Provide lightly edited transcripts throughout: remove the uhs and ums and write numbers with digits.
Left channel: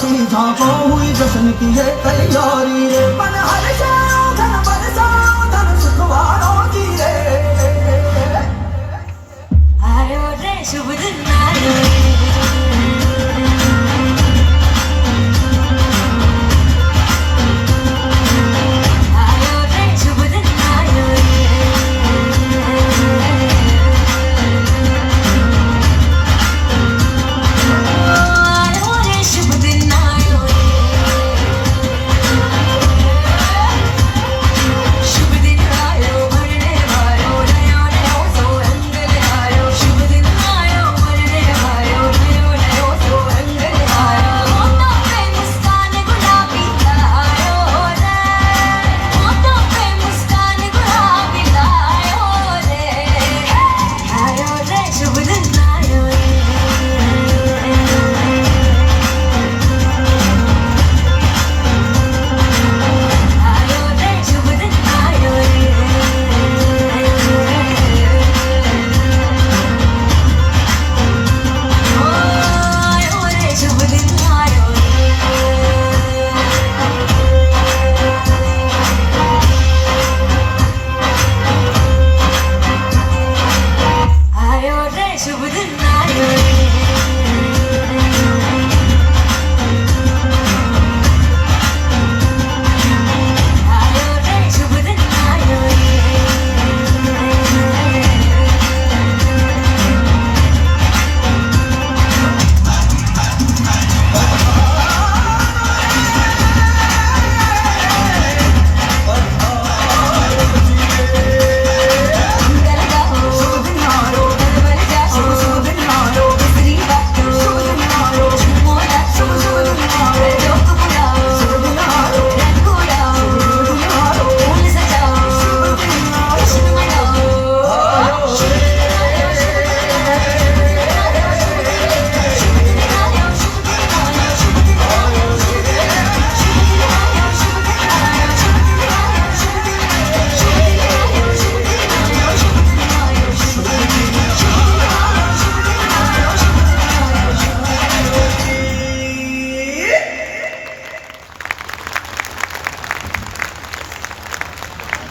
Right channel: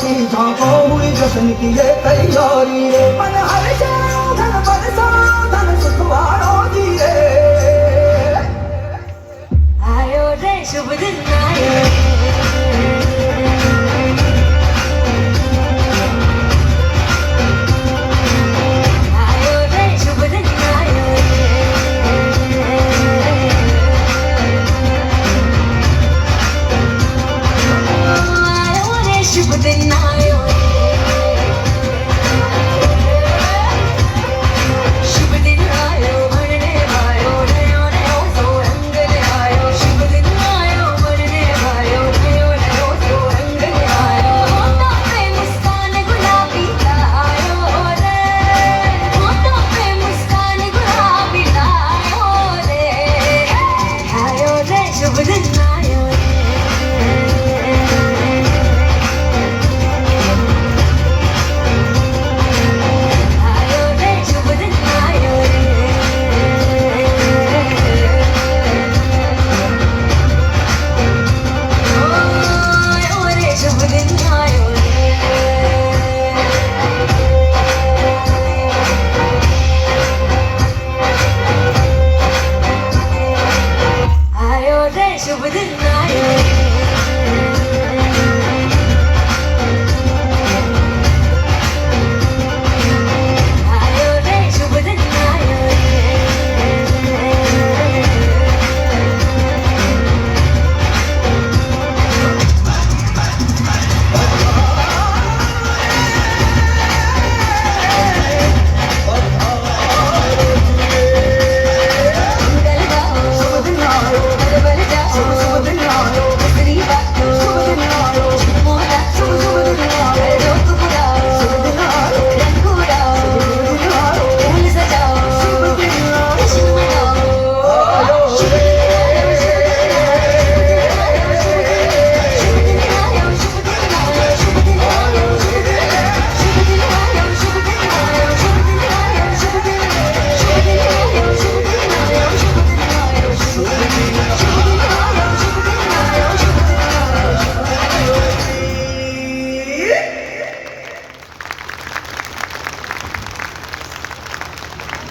की झांको हुई जश्न की ये तैयारी रे मन हर जाओ धन बरसो धन सुख वारो दी रे आयो रे शुभ दिन आयो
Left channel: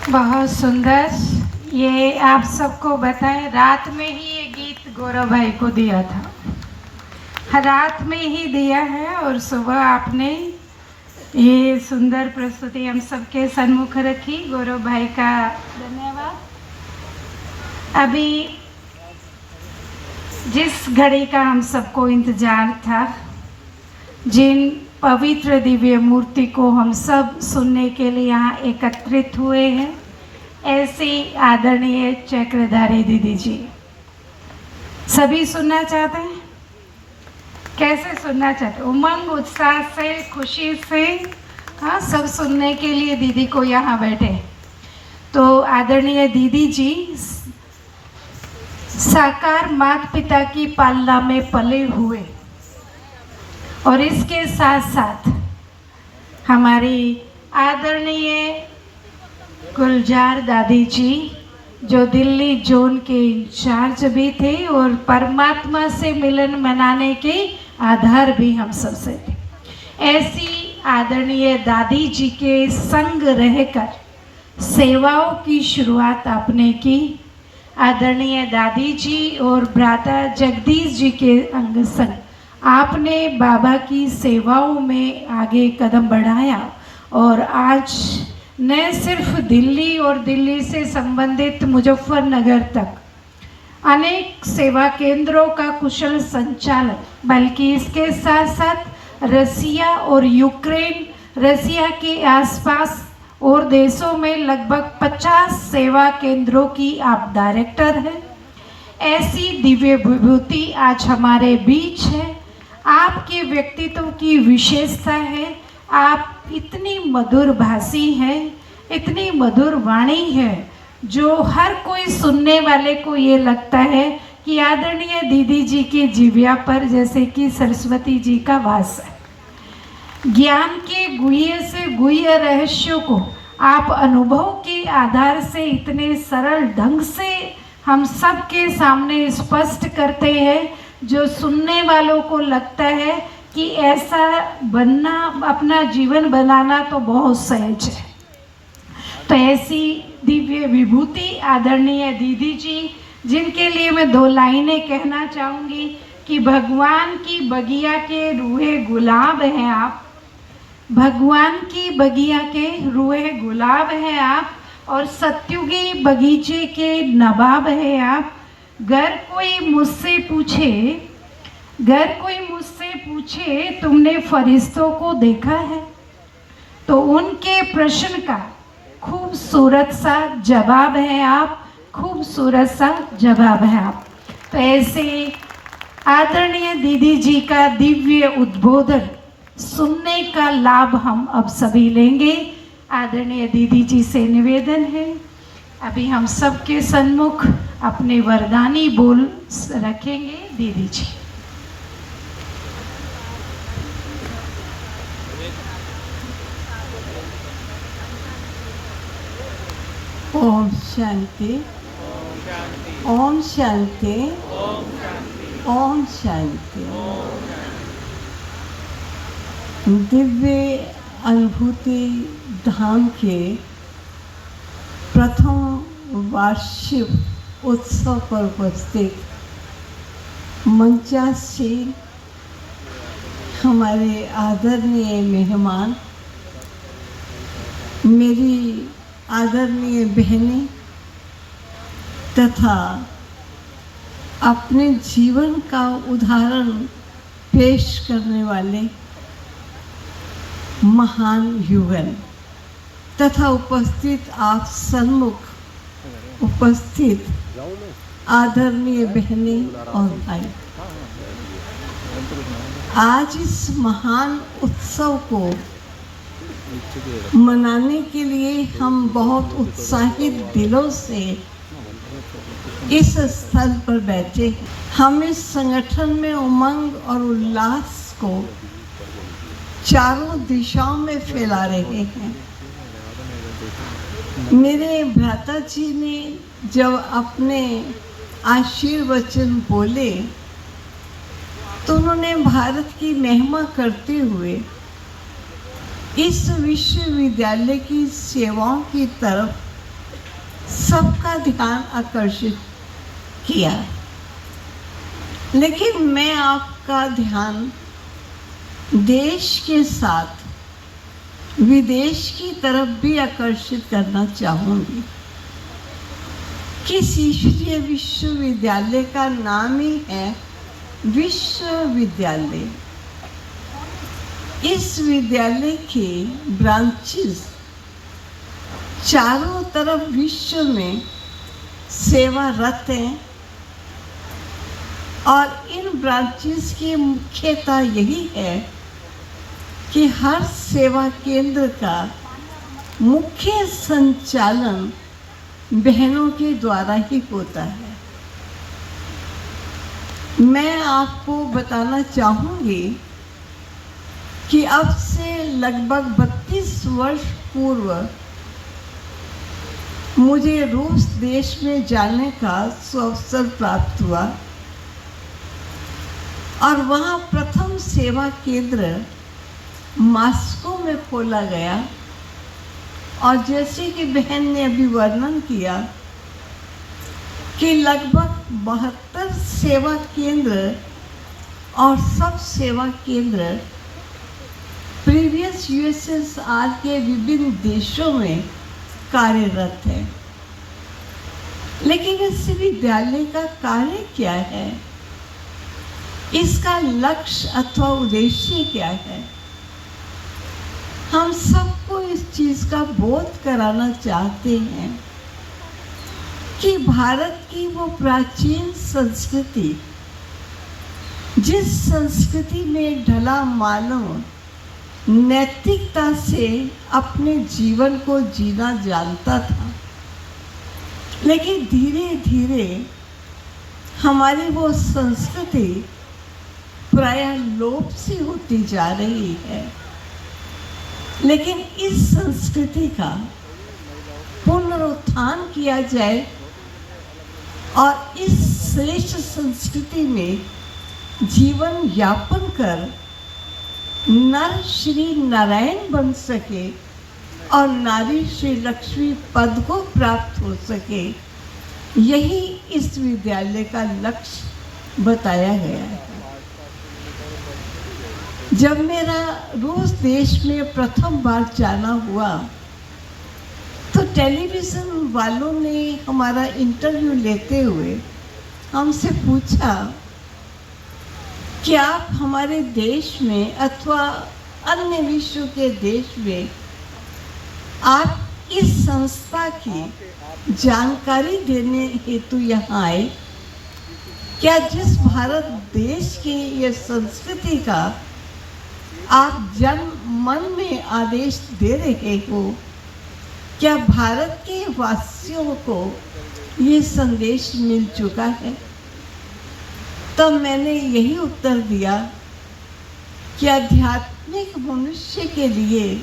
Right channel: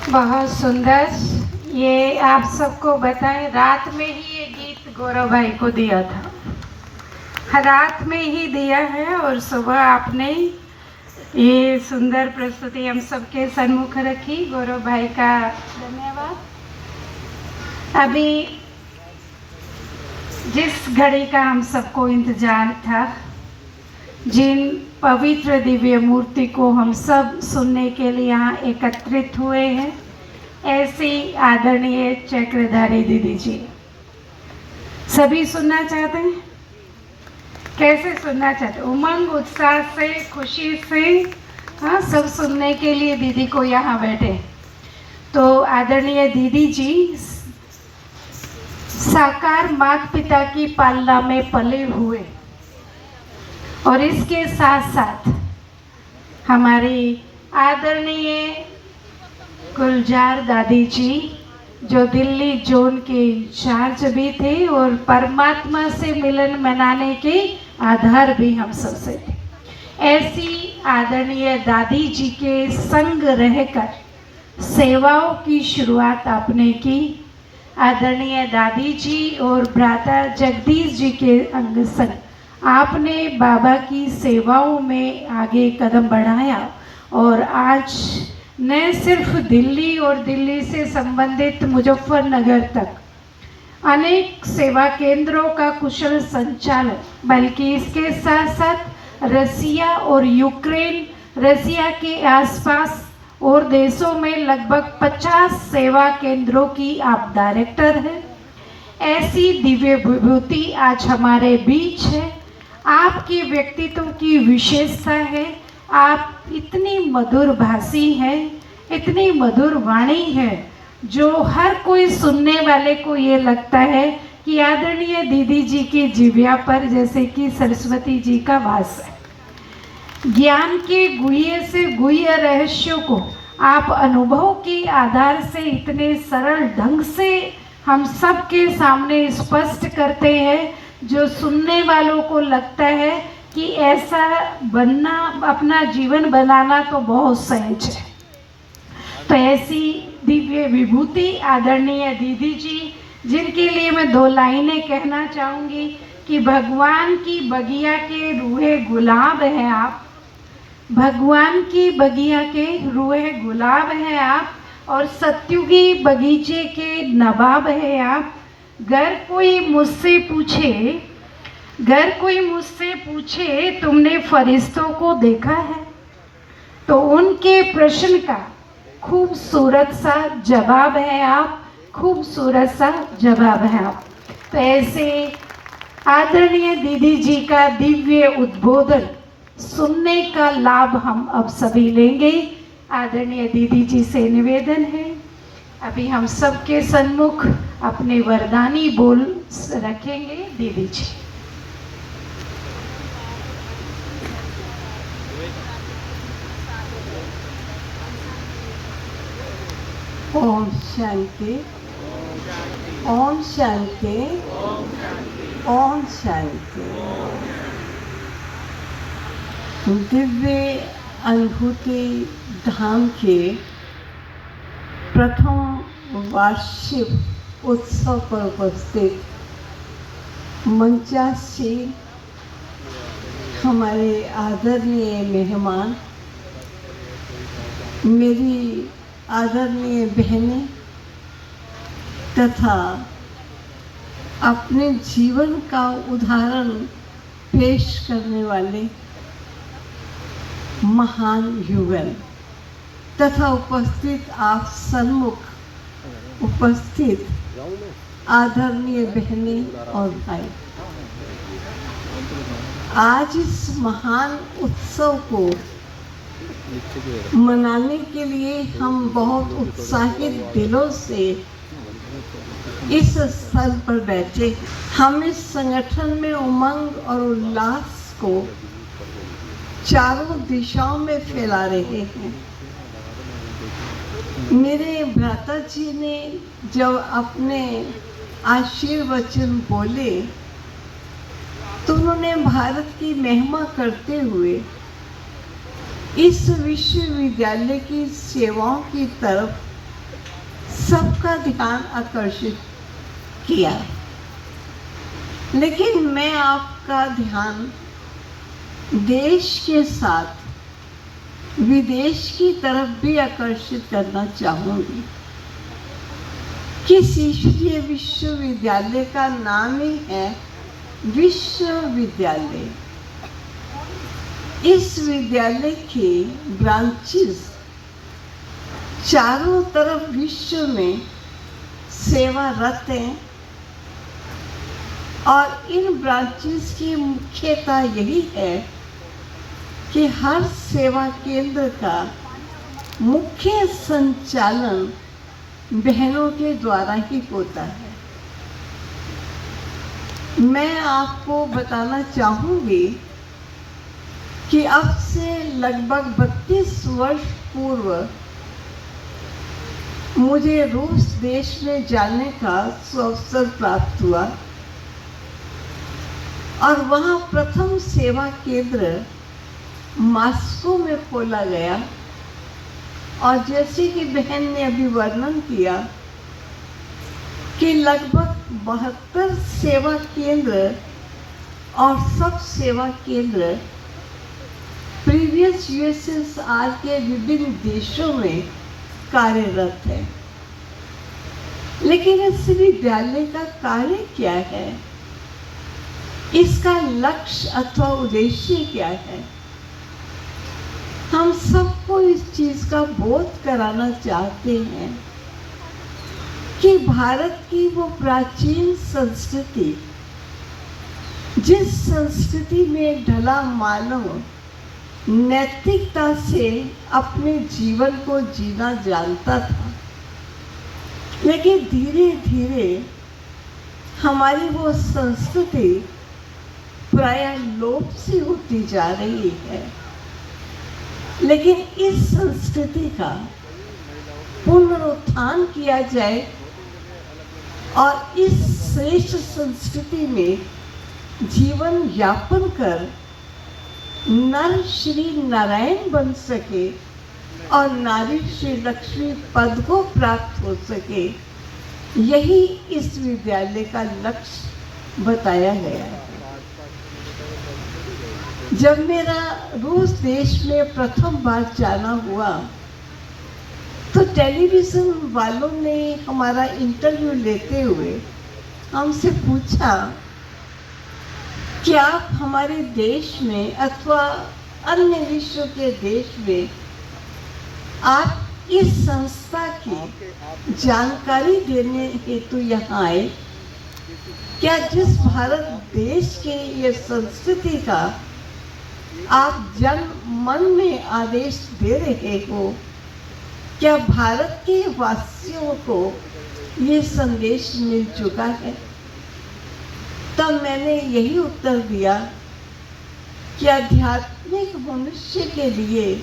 बहुत सुंदर। ये आप सबको बताएं, रात में ही ये गीत गौरव भाई को दिया था, रात में ही दिया है और सुबह आपने ये सुंदर प्रस्तुति हम सबके सम्मुख रखी। गौरव भाई का धन्यवाद। अभी जिस घड़ी का हम सबको इंतजार था, जिन पवित्र दिव्य मूर्ति को हम सब सुनने के लिए यहाँ एकत्रित हुए हैं, ऐसी आदरणीय चक्रधारी दीदी जी। सभी सुनना चाहते हैं? कैसे सुनना चाहते? उमंग, उत्साह से, खुशी से, हाँ, सब सुनने के लिए दीदी को यहाँ बैठे। तो आदरणीय दीदी जी साकार माता पिता की पालना में पले हुए और इसके साथ साथ हमारी आदरणीय गुलजार दादी जी, जो दिल्ली जोन के इंचार्ज भी थे और परमात्मा से मिलन मनाने के आधार भी हम सबसे थे, ऐसी आदरणीय दादी जी के संग रहकर सेवाओं की शुरुआत आपने की। आदरणीय दादी जी और भ्राता जगदीश जी के अंग संग आपने बाबा की सेवाओं में आगे कदम बढ़ाया और आज न सिर्फ दिल्ली और दिल्ली से संबंधित मुजफ्फरनगर तक अनेक सेवा केंद्रों का कुशल संचालन, बल्कि इसके साथ साथ रसिया और यूक्रेन, रसिया के आसपास और देशों में लगभग 50 सेवा केंद्रों की आप डायरेक्टर हैं। ऐसी दिव्य विभूति आज हमारे बीच है। आपके व्यक्तित्व की विशेषता है, आप इतनी मधुर भाषी है, इतनी मधुर वाणी है, जो हर कोई सुनने वाले को ये लगता है कि आदरणीय दीदी जी की जिह्वा पर जैसे कि सरस्वती जी का वास है। ज्ञान के गुह्य से गुह्य रहस्यों को आप अनुभव के आधार से इतने सरल ढंग से हम सबके सामने स्पष्ट करते हैं, जो सुनने वालों को लगता है कि ऐसा बनना, अपना जीवन बनाना तो बहुत सहज है। तो ऐसी दिव्य विभूति आदरणीय दीदी जी, जिनके लिए मैं 2 लाइनें कहना चाहूँगी कि भगवान की बगिया के रूहे गुलाब हैं आप, भगवान की बगिया के रूहे गुलाब हैं आप, और सत्युगी बगीचे के नवाब हैं आप। गर कोई मुझसे पूछे तुमने फरिश्तों को देखा है, तो उनके प्रश्न का खूबसूरत सा जवाब है आप, खूबसूरत सा जवाब है आप। तो ऐसे आदरणीय दीदी जी का दिव्य उद्बोधन सुनने का लाभ हम अब सभी लेंगे। आदरणीय दीदी जी से निवेदन है, अभी हम सबके सन्मुख अपने वरदानी बोल रखेंगे। दीदी जी। ओम शांति, ओम शांति, ओम शांति। दिव्य अनुभूति धाम के प्रथम वार्षिक उत्सव पर उपस्थित मंचासीन हमारे आदरणीय मेहमान, मेरी आदरणीय बहनें तथा अपने जीवन का उदाहरण पेश करने वाले महान युगल तथा उपस्थित आप सन्मुख उपस्थित आदरणीय बहनें और भाई, आज इस महान उत्सव को मनाने के लिए हम बहुत उत्साहित दिलों से इस स्थल पर बैठे। हम इस संगठन में उमंग और उल्लास को चारों दिशाओं में फैला रहे हैं। मेरे भ्राता जी ने जब अपने आशीर्वचन बोले तो उन्होंने भारत की महिमा करते हुए इस विश्वविद्यालय की सेवाओं की तरफ सबका ध्यान आकर्षित किया। लेकिन मैं आपका ध्यान देश के साथ विदेश की तरफ भी आकर्षित करना चाहूँगी कि ईश्वरीय विश्वविद्यालय का नाम ही है विश्वविद्यालय। इस विद्यालय के ब्रांचेस चारों तरफ विश्व में सेवारत हैं और इन ब्रांचेस की मुख्यता यही है कि हर सेवा केंद्र का मुख्य संचालन बहनों के द्वारा ही होता है। मैं आपको बताना चाहूँगी कि अब से लगभग 32 वर्ष पूर्व मुझे रूस देश में जाने का अवसर प्राप्त हुआ और वहाँ प्रथम सेवा केंद्र मॉस्को में खोला गया। और जैसे कि बहन ने अभी वर्णन किया कि लगभग 72 सेवा केंद्र और सब सेवा केंद्र प्रीवियस यूएसएसआर के विभिन्न देशों में कार्यरत है। लेकिन इस विद्यालय का कार्य क्या है, इसका लक्ष्य अथवा उद्देश्य क्या है, हम सबको इस चीज का बोध कराना चाहते हैं कि भारत की वो प्राचीन संस्कृति, जिस संस्कृति में ढला मानव नैतिकता से अपने जीवन को जीना जानता था, लेकिन धीरे धीरे हमारी वो संस्कृति प्राय लोप सी होती जा रही है। लेकिन इस संस्कृति का पुनरुत्थान किया जाए और इस श्रेष्ठ संस्कृति में जीवन यापन कर नर श्री नारायण बन सके और नारी श्री लक्ष्मी पद को प्राप्त हो सके, यही इस विद्यालय का लक्ष्य बताया गया है। जब मेरा रूस देश में प्रथम बार जाना हुआ तो टेलीविजन वालों ने हमारा इंटरव्यू लेते हुए हमसे पूछा कि आप हमारे देश में अथवा अन्य विश्व के देश में आप इस संस्था की जानकारी देने हेतु यहाँ आए, क्या जिस भारत देश के ये संस्कृति का आप जन मन में आदेश दे रहे हो, क्या भारत के वासियों को ये संदेश मिल चुका है? तो मैंने यही उत्तर दिया कि आध्यात्मिक मनुष्य के लिए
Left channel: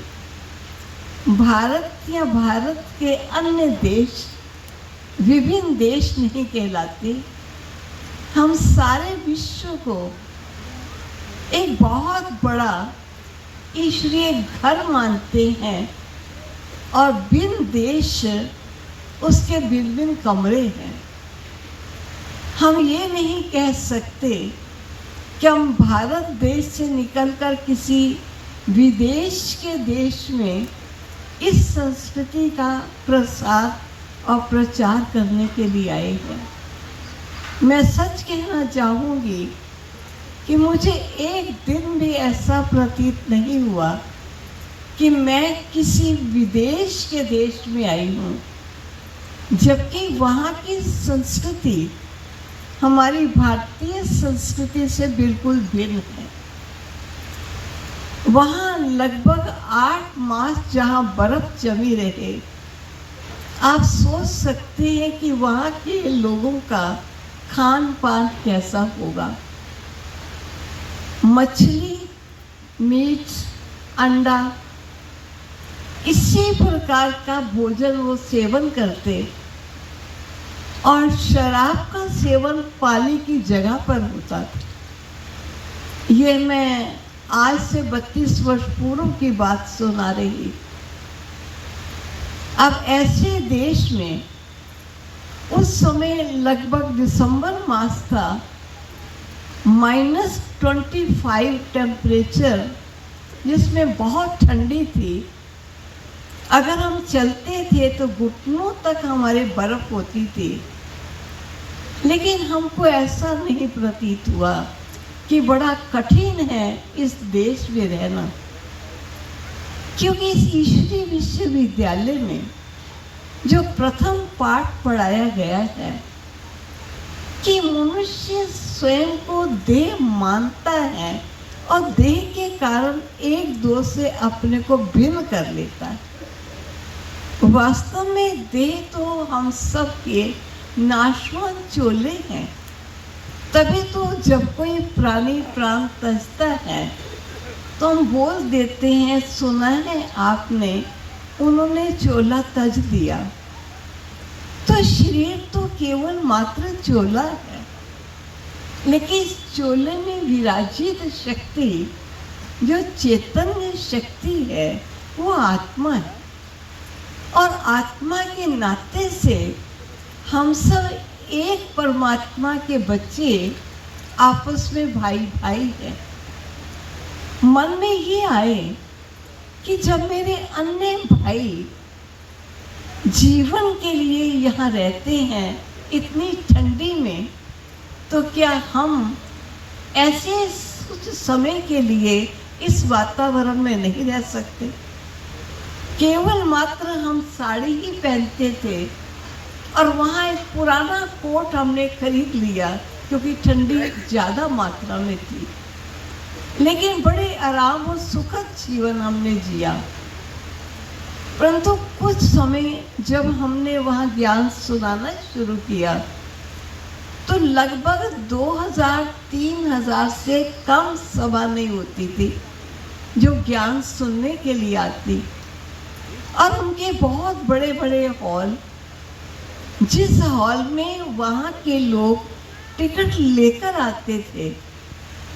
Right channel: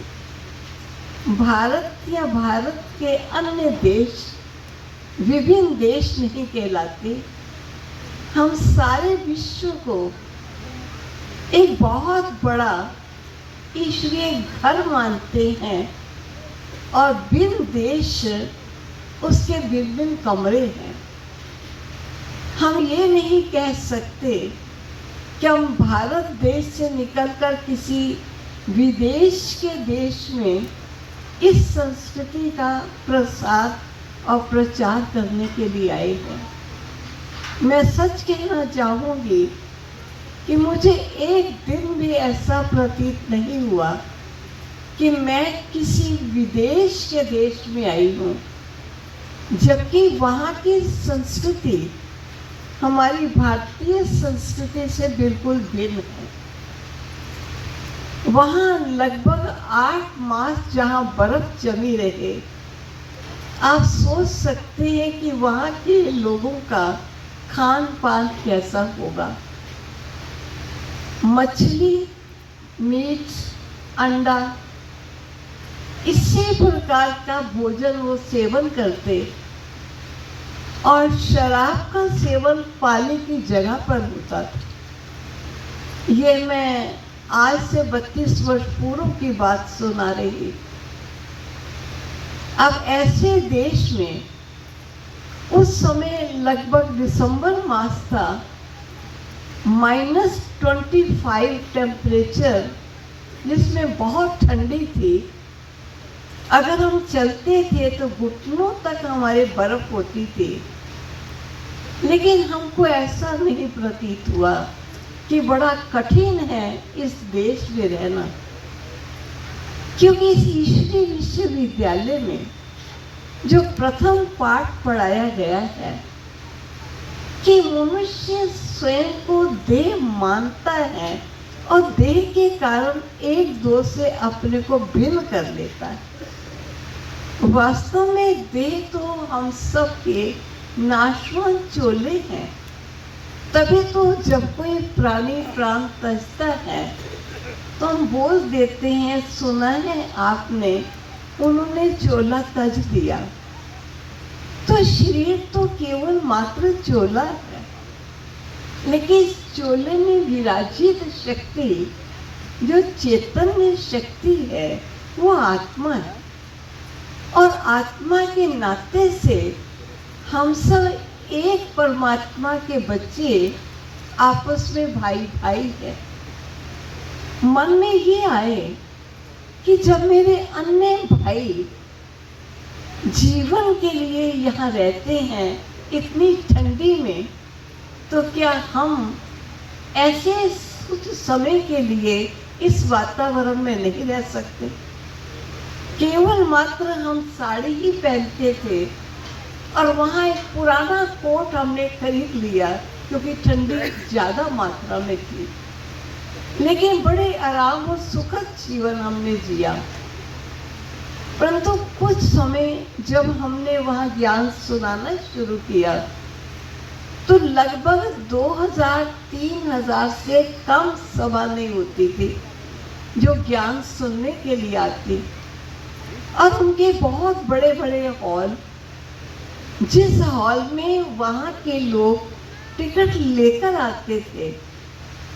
भारत या भारत के अन्य देश विभिन्न देश नहीं कहलाते। हम सारे विश्व को एक बहुत बड़ा ईश्वरीय घर मानते हैं और भिन्न देश उसके भिन्न भिन्न कमरे हैं। हम ये नहीं कह सकते कि हम भारत देश से निकलकर किसी विदेश के देश में इस संस्कृति का प्रसार और प्रचार करने के लिए आए हैं। मैं सच कहना चाहूँगी कि मुझे एक दिन भी ऐसा प्रतीत नहीं हुआ कि मैं किसी विदेश के देश में आई हूँ, जबकि वहाँ की संस्कृति हमारी भारतीय संस्कृति से बिल्कुल भिन्न है। वहाँ लगभग 8 मास जहाँ बर्फ जमी रहे, आप सोच सकते हैं कि वहाँ के लोगों का खान पान कैसा होगा। मछली, मीट, अंडा, इसी प्रकार का भोजन वो सेवन करते और शराब का सेवन पानी की जगह पर होता था। ये मैं आज से 32 वर्ष पूर्व की बात सुना रही। अब ऐसे देश में उस समय लगभग दिसंबर मास था, -25 टेम्परेचर, जिसमें बहुत ठंडी थी। अगर हम चलते थे तो घुटनों तक हमारे बर्फ होती थी, लेकिन हमको ऐसा नहीं प्रतीत हुआ कि बड़ा कठिन है इस देश में रहना, क्योंकि इस ईश्वरीय विश्वविद्यालय में जो प्रथम पाठ पढ़ाया गया है कि मनुष्य स्वयं को देह मानता है और देह के कारण एक दो से अपने को भिन्न कर लेता है। वास्तव में देह तो हम सब के नाशवान चोले हैं। तभी तो जब कोई प्राणी प्राण तजता है तो हम बोल देते हैं, सुना है आपने, उन्होंने चोला तज दिया। तो शरीर तो केवल मात्र चोला है, लेकिन इस चोले में विराजित शक्ति, जो चैतन्य शक्ति है, वो आत्मा है। और आत्मा के नाते से हम सब एक परमात्मा के बच्चे, आपस में भाई भाई है। मन में ये आए कि जब मेरे अन्य भाई जीवन के लिए यहाँ रहते हैं इतनी ठंडी में, तो क्या हम ऐसे कुछ समय के लिए इस वातावरण में नहीं रह सकते? केवल मात्र हम साड़ी ही पहनते थे और वहाँ एक पुराना कोट हमने खरीद लिया क्योंकि ठंडी ज़्यादा मात्रा में थी, लेकिन बड़े आराम और सुखद जीवन हमने जिया। परंतु कुछ समय जब हमने वहाँ ज्ञान सुनाना शुरू किया तो लगभग 2000-3000 से कम सभा नहीं होती थी जो ज्ञान सुनने के लिए आती। और उनके बहुत बड़े बड़े हॉल, जिस हॉल में वहाँ के लोग टिकट लेकर आते थे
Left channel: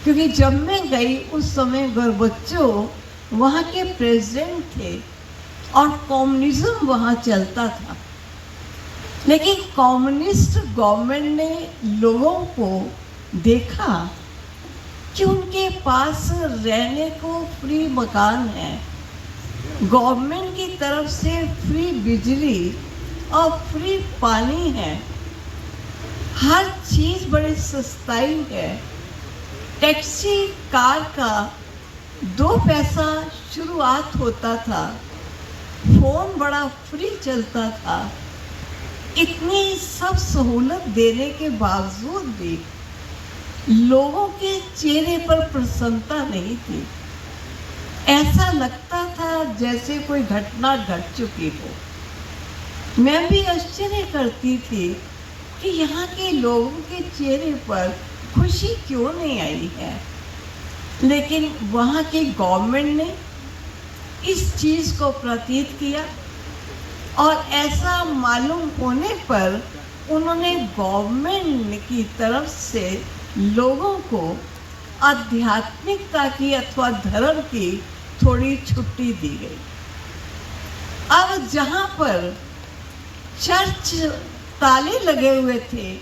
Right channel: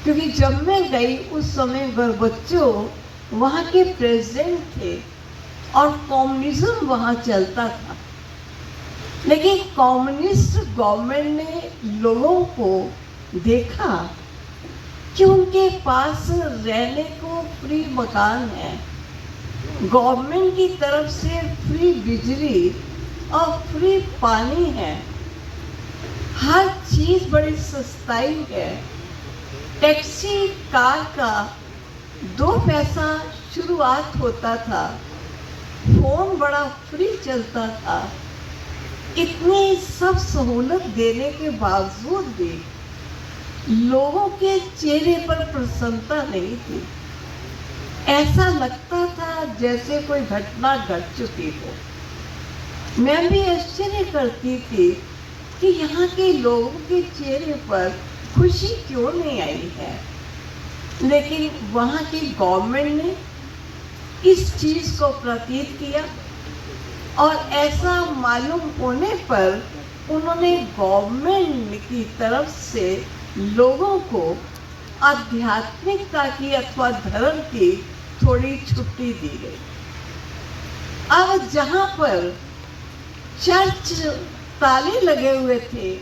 क्योंकि जब मैं गई उस समय गोर्बाचोव वहाँ के प्रेसिडेंट थे और कम्युनिज्म वहाँ चलता था। लेकिन कम्युनिस्ट गवर्नमेंट ने लोगों को देखा कि उनके पास रहने को फ्री मकान है, गवर्नमेंट की तरफ से फ्री बिजली और फ्री पानी है, हर चीज बड़ी सस्ताई है। टैक्सी कार का 2 पैसा शुरुआत होता था, फोन बड़ा फ्री चलता था। इतनी सब सहूलत देने के बावजूद भी लोगों के चेहरे पर प्रसन्नता नहीं थी। ऐसा लगता था जैसे कोई घटना घट चुकी हो। मैं भी आश्चर्य करती थी कि यहाँ के लोगों के चेहरे पर खुशी क्यों नहीं आई है। लेकिन वहाँ की गवर्नमेंट ने इस चीज को प्रतीत किया और ऐसा मालूम होने पर उन्होंने गवर्नमेंट की तरफ से लोगों को आध्यात्मिकता की अथवा धर्म की थोड़ी छुट्टी दी गई। अब जहाँ पर चर्च ताले लगे हुए थे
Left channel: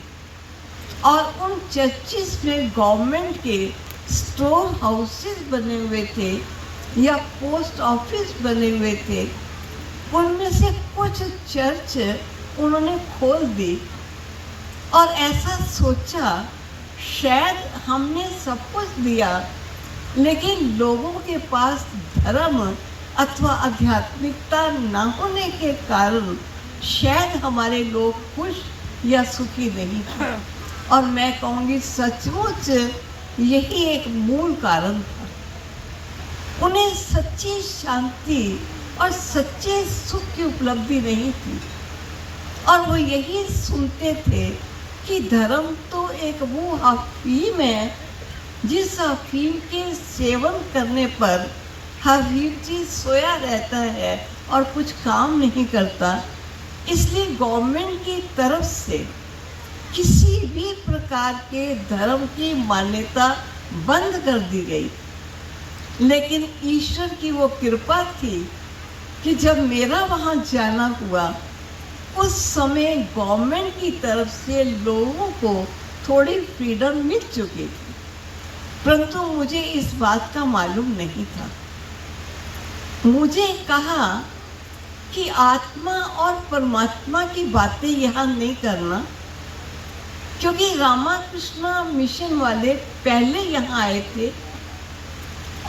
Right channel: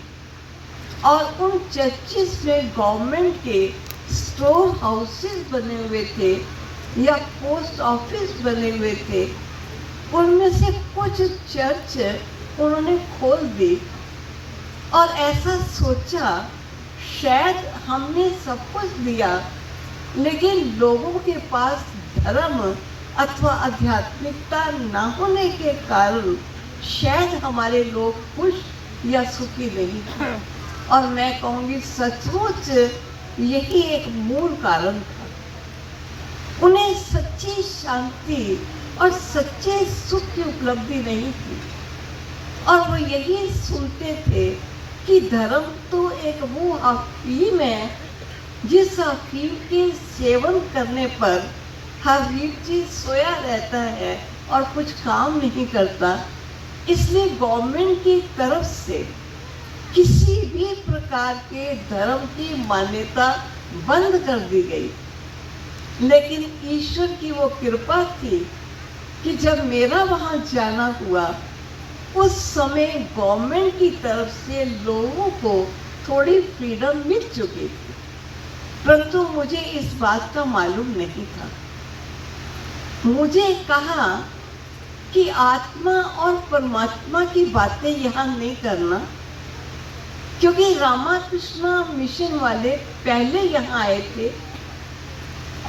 और उन चर्चिस में गवर्नमेंट के स्टोर हाउसेस बने हुए थे या पोस्ट ऑफिस बने हुए थे, उनमें से कुछ चर्च उन्होंने खोल दी और ऐसा सोचा शायद हमने सब कुछ दिया, लेकिन लोगों के पास धर्म अथवा आध्यात्मिकता न होने के कारण शायद हमारे लोग खुश या सुखी नहीं थे। और मैं कहूँगी सचमुच यही एक मूल कारण था। उन्हें सच्ची शांति और सच्चे सुख की उपलब्धि नहीं थी और वो यही सुनते थे कि धर्म तो एक वो अफीम है जिस अफीम के सेवन करने पर हर चीज सोया रहता है और कुछ काम नहीं करता। इसलिए गवर्नमेंट की तरफ से किसी भी प्रकार के धर्म की मान्यता बंद कर दी गई। लेकिन ईश्वर की वो कृपा थी कि जब मेरा वहाँ जाना हुआ उस समय गवर्नमेंट की तरफ से लोगों को थोड़ी फ्रीडम मिल चुकी थी, परंतु मुझे इस बात का मालूम नहीं था। मुझे कहा कि आत्मा और परमात्मा की बातें यहाँ नहीं करना, क्योंकि रामाकृष्ण मिशन वाले पहले यहाँ आए थे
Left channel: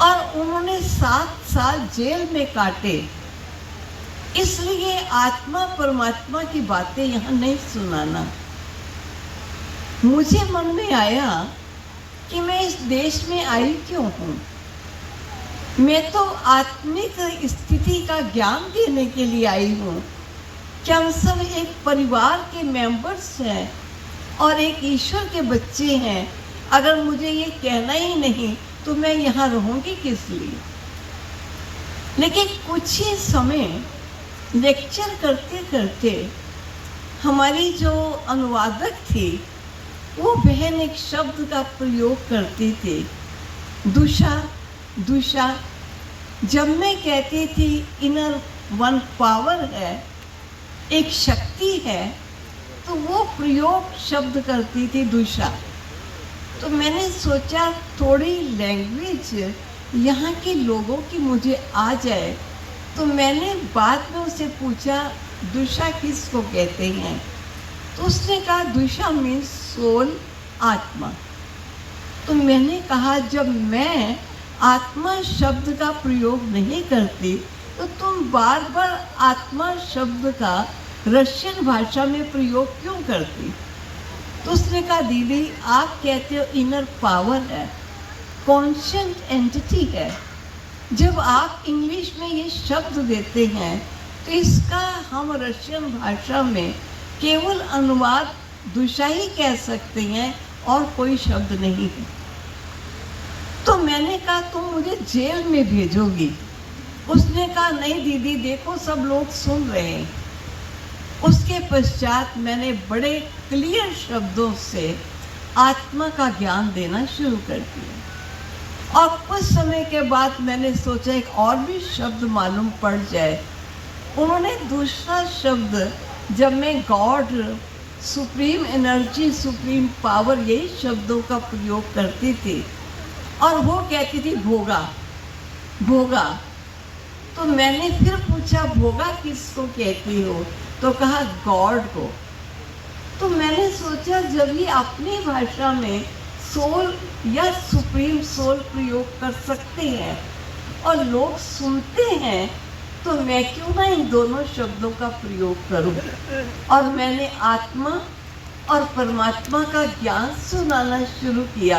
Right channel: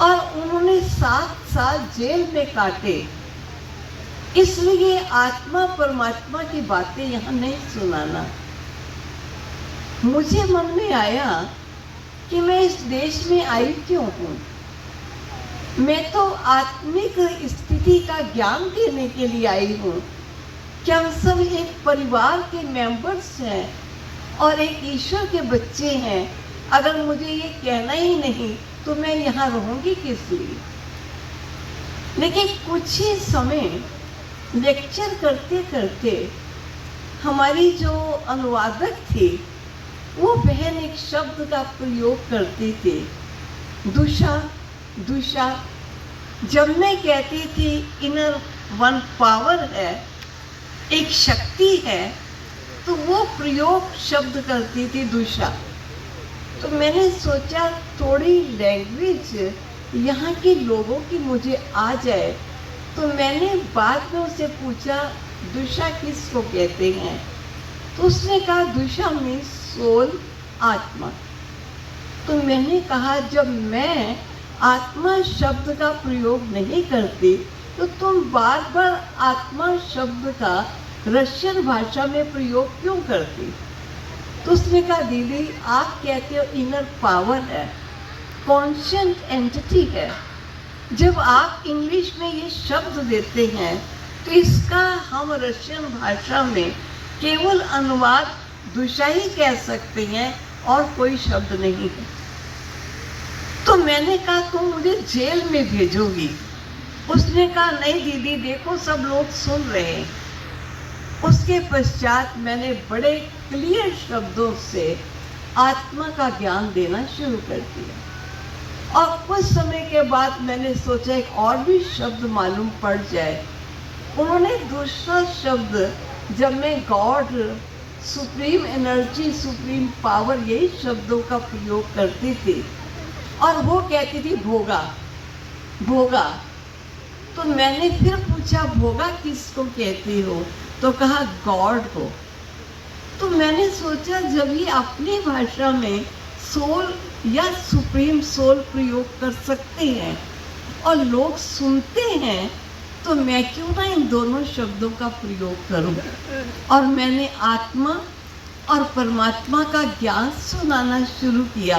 और उन्होंने 7 साल जेल में काटे, इसलिए आत्मा परमात्मा की बातें यहाँ नहीं सुनाना। मुझे मन में आया कि मैं इस देश में आई क्यों हूँ। मैं तो आत्मिक स्थिति का ज्ञान देने के लिए आई हूँ। क्या हम सब एक परिवार के मेंबर्स हैं और एक ईश्वर के बच्चे हैं। अगर मुझे ये कहना ही नहीं तो मैं यहाँ रहूँगी किस लिए। लेकिन कुछ ही समय लेक्चर करते करते हमारी जो अनुवादक थी वो बहन एक शब्द का प्रयोग करती थी, दुशा दुशा। जब मैं कहती थी इनर वन पावर है, एक शक्ति है, तो वो प्रयोग शब्द करती थी दुशा। तो मैंने सोचा थोड़ी लैंग्वेज यहाँ के लोगों की मुझे आ जाए, तो मैंने बाद में उसे पूछा दुशा किसको कहते हैं। तो उसने कहा दुशा मीन्स सोल, आत्मा। तो मैंने कहा जब मैं आत्मा शब्द का प्रयोग नहीं करती तो तुम बार बार आत्मा शब्द का रशियन भाषा में प्रयोग क्यों करती। तो उसने कहा दीदी आप कहते हो इनर पावर है, कॉन्शियंट एंटिटी है। जब आप इंग्लिश में ये शब्द देते हैं तो इसका हम रशियन भाषा में केवल अनुवाद दुशा ही कह सकते हैं और कोई शब्द नहीं है। तो मैंने कहा तुम मुझे जेल में भेजोगी। उसने कहा नहीं दीदी देखो सब लोग सुन रहे हैं। उसके पश्चात मैंने बड़े क्लियर शब्दों से आत्मा का ज्ञान देना शुरू कर दिया। कुछ समय के बाद मैंने सोचा एक और भी शब्द मालूम पड़ जाए। उन्होंने दूसरा शब्द, जब मैं God, supreme energy, supreme power, यही शब्दों का प्रयोग करती थी, और वो कहती थी भोगा भोगा। तो मैंने फिर पूछा भोगा किसको कहती हो? तो कहा गॉड को। तो मैंने सोचा जब ये अपनी भाषा में सोल या सुप्रीम सोल प्रयोग कर सकते हैं और लोग सुनते हैं, तो मैं क्यों ना इन दोनों शब्दों का प्रयोग करूं। और मैंने आत्मा और परमात्मा का ज्ञान सुनाना शुरू किया,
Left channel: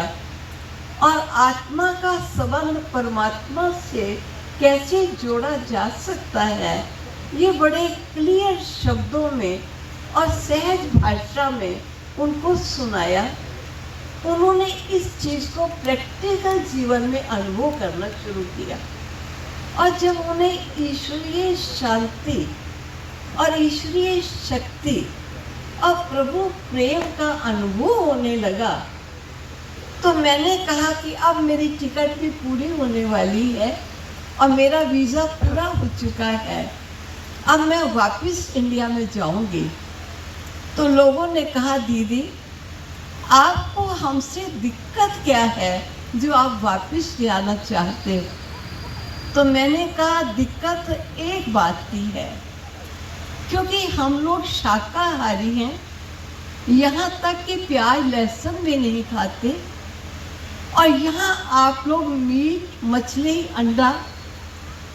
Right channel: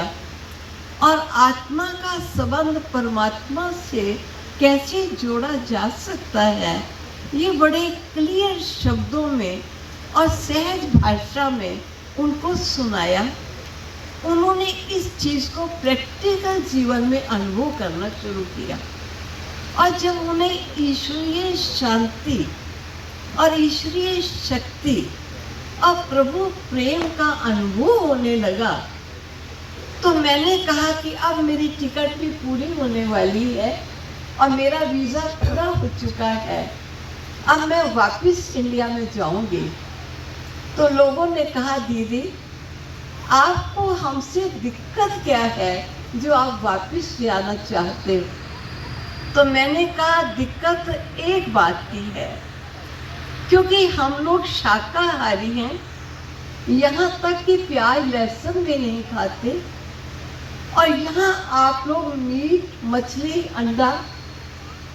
और आत्मा का संबंध परमात्मा से कैसे जोड़ा जा सकता है, ये बड़े क्लियर शब्दों में और सहज भाषा में उनको सुनाया। उन्होंने इस चीज़ को प्रैक्टिकल जीवन में अनुभव करना शुरू किया, और जब उन्हें ईश्वरीय शांति और ईश्वरीय शक्ति और प्रभु प्रेम का अनुभव होने लगा, तो मैंने कहा कि अब मेरी टिकट भी पूरी होने वाली है और मेरा वीज़ा पूरा हो चुका है, अब मैं वापस इंडिया में जाऊंगी। तो लोगों ने कहा दीदी आपको हमसे दिक्कत क्या है जो आप वापस जाना चाहते हो? तो मैंने कहा दिक्कत एक बात की है, क्योंकि हम लोग शाकाहारी हैं, यहाँ तक कि प्याज लहसुन भी नहीं खाते, और यहाँ आप लोग मीट, मछली, अंडा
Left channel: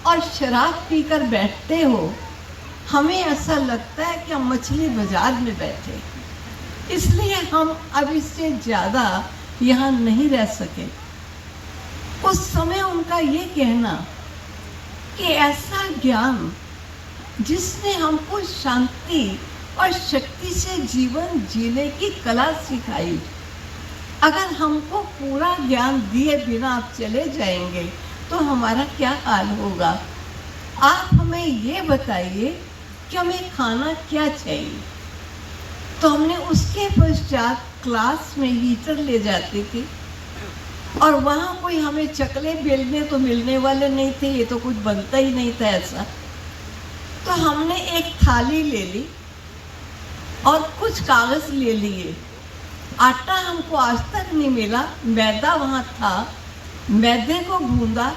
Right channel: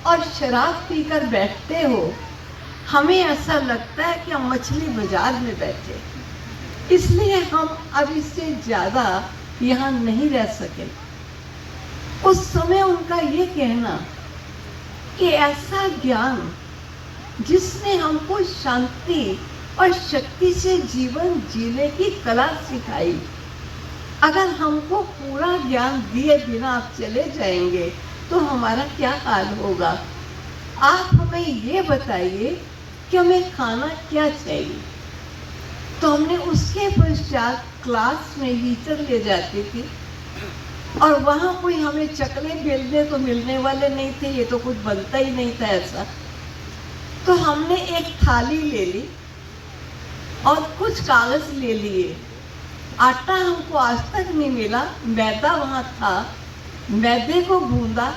और शराब पीकर बैठते हो। हमें ऐसा लगता है कि हम मछली बाजार में बैठे, इसलिए हम अब इससे ज़्यादा यहाँ नहीं रह सके। उस समय उनका ये कहना कि ऐसा ज्ञान जिसने हमको शांति और शक्ति से जीवन जीने की कला सिखाई, अगर हमको पूरा ज्ञान दिए बिना आप चले जाएंगे तो हमारा क्या हाल होगा। आप हमें ये बताइए कि हमें खाना क्या चाहिए। तो हमने उसके पश्चात क्लास में हीटर ले जाते थे, और वहाँ कोई हमें चकले बेलने तो मिलने वाले नहीं थे, ये तो कुछ बनता ही नहीं था ऐसा। तो हमने एक थाली ले ली और कुछ कागज ले लिए। आटा हमको आज तक नहीं मिला, मैदा वहाँ था, मैदे को गूंदा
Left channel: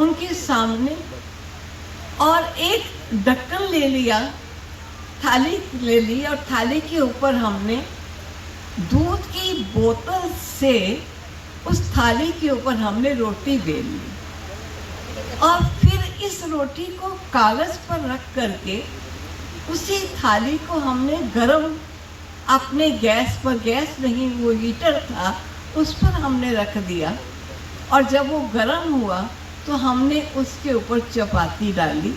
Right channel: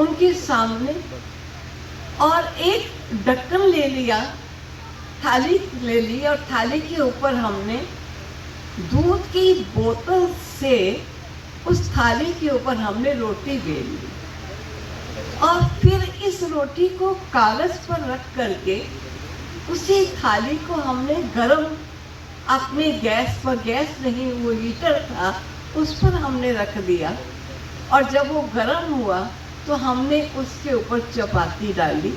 उनके सामने, और एक ढक्कन ले लिया, थाली ले ली, और थाली के ऊपर हमने दूध की बोतल से उस थाली के ऊपर हमने रोटी बेल ली, और फिर इस रोटी को कागज पर रख करके उसी थाली को हमने गरम अपने गैस पर, गैस नहीं वो हीटर था, उस पर हमने रख दिया, और जब वो गरम हुआ तो हमने उसके ऊपर चपाती डाली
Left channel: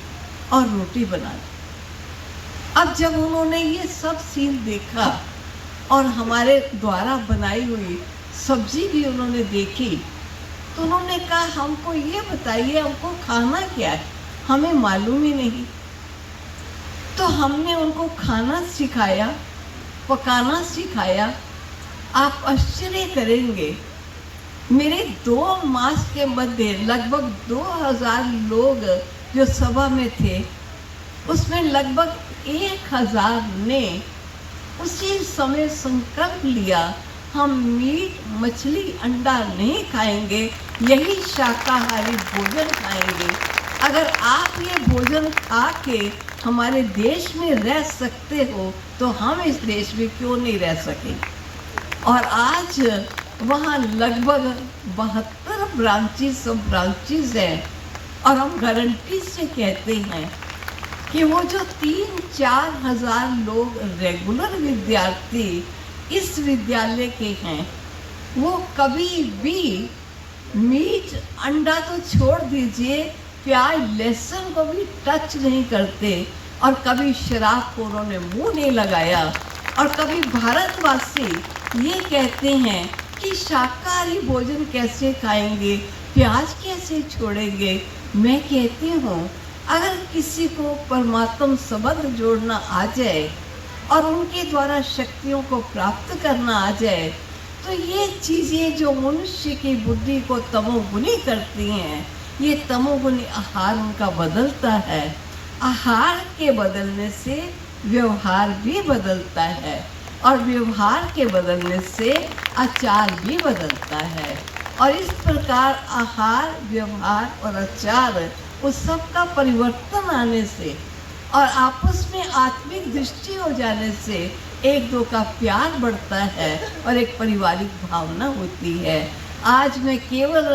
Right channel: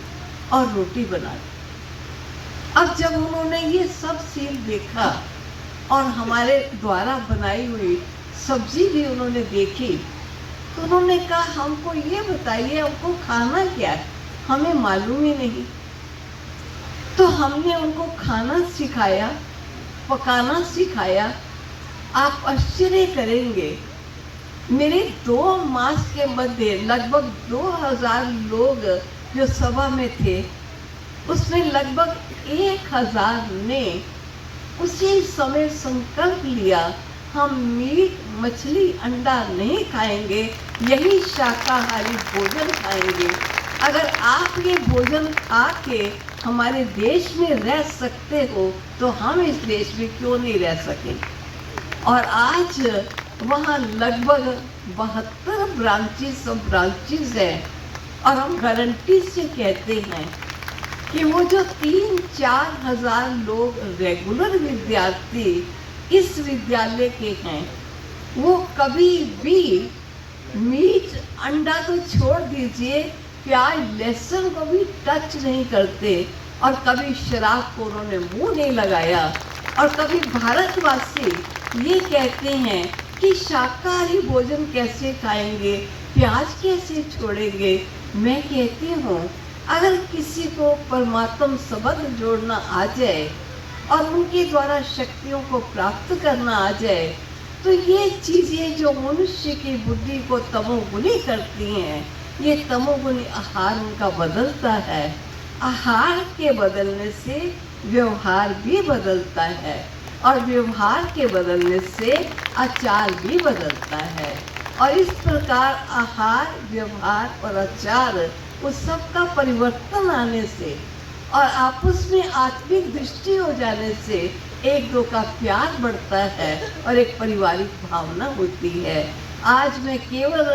और रोटी बना दी। अब जब उन्होंने ये सब सीन देखा और हमारे द्वारा बनाई हुई सब्जी भी उन्होंने देखी, तो उन्होंने कहा हमको ये बताइए हमको खाना क्या है, हमें मालूम ही नहीं। तो हमने उनको खाना सिखाया, पकाना सिखाया। आप आश्चर्य करेंगे, मेरे 2 मास के मध्य लगभग 2000 लोग जो सभा में थे, उसमें लगभग 1000 ने उसी समय संकल्प लिया हम मीट, मछली, अंडा नहीं खाएंगे, यही शाकाहारी भोजन खाएंगे। अगर आप ये भोजन खा के हमारे देश में रह सकते हो तो हम इस देश में क्यों नहीं रह सके। और आज वहाँ लगभग 72 ब्रांचेस हैं, और हम गारंटी से कहते हैं कि वो जो 3-4 हजार लोग रेगुलर विद्यार्थी इस विद्यालय के हैं, वो कभी भी मीट, अंडा तो छोड़ दीजिए, प्याज, लहसुन को भी टच नहीं करते, और कभी शराब को उन्होंने मुंह नहीं लगाया। और कभी भारतवासी ये कहते हैं कि शाकाहारी भोजन कैसे खाएंगे, प्याज कैसे छोड़ेंगे। मैं कहती हूँ अगर किसी को परमात्मा संबंध जोड़ना आ जाए और उनके द्वारा शक्तियों को प्राप्त करना आ जाए, तो ये चीज़ें जो मनुष्य की बुद्धि को तमोगुनी करती हैं, ये तमोगुनी आहार उनका बदलता है। आहार के बदलने से व्यवहार भी बदलता है और व्यवहार के बदलने से आचार भी बदलता है। और इस प्रकार आहार, व्यवहार और आचार उस सब का परिवर्तन आने से और आपस में आत्मिक दृष्टि हो जाने से एक दो का प्यार बढ़ता है और एक पारिवारिक भावना होती है। आज मैं केवल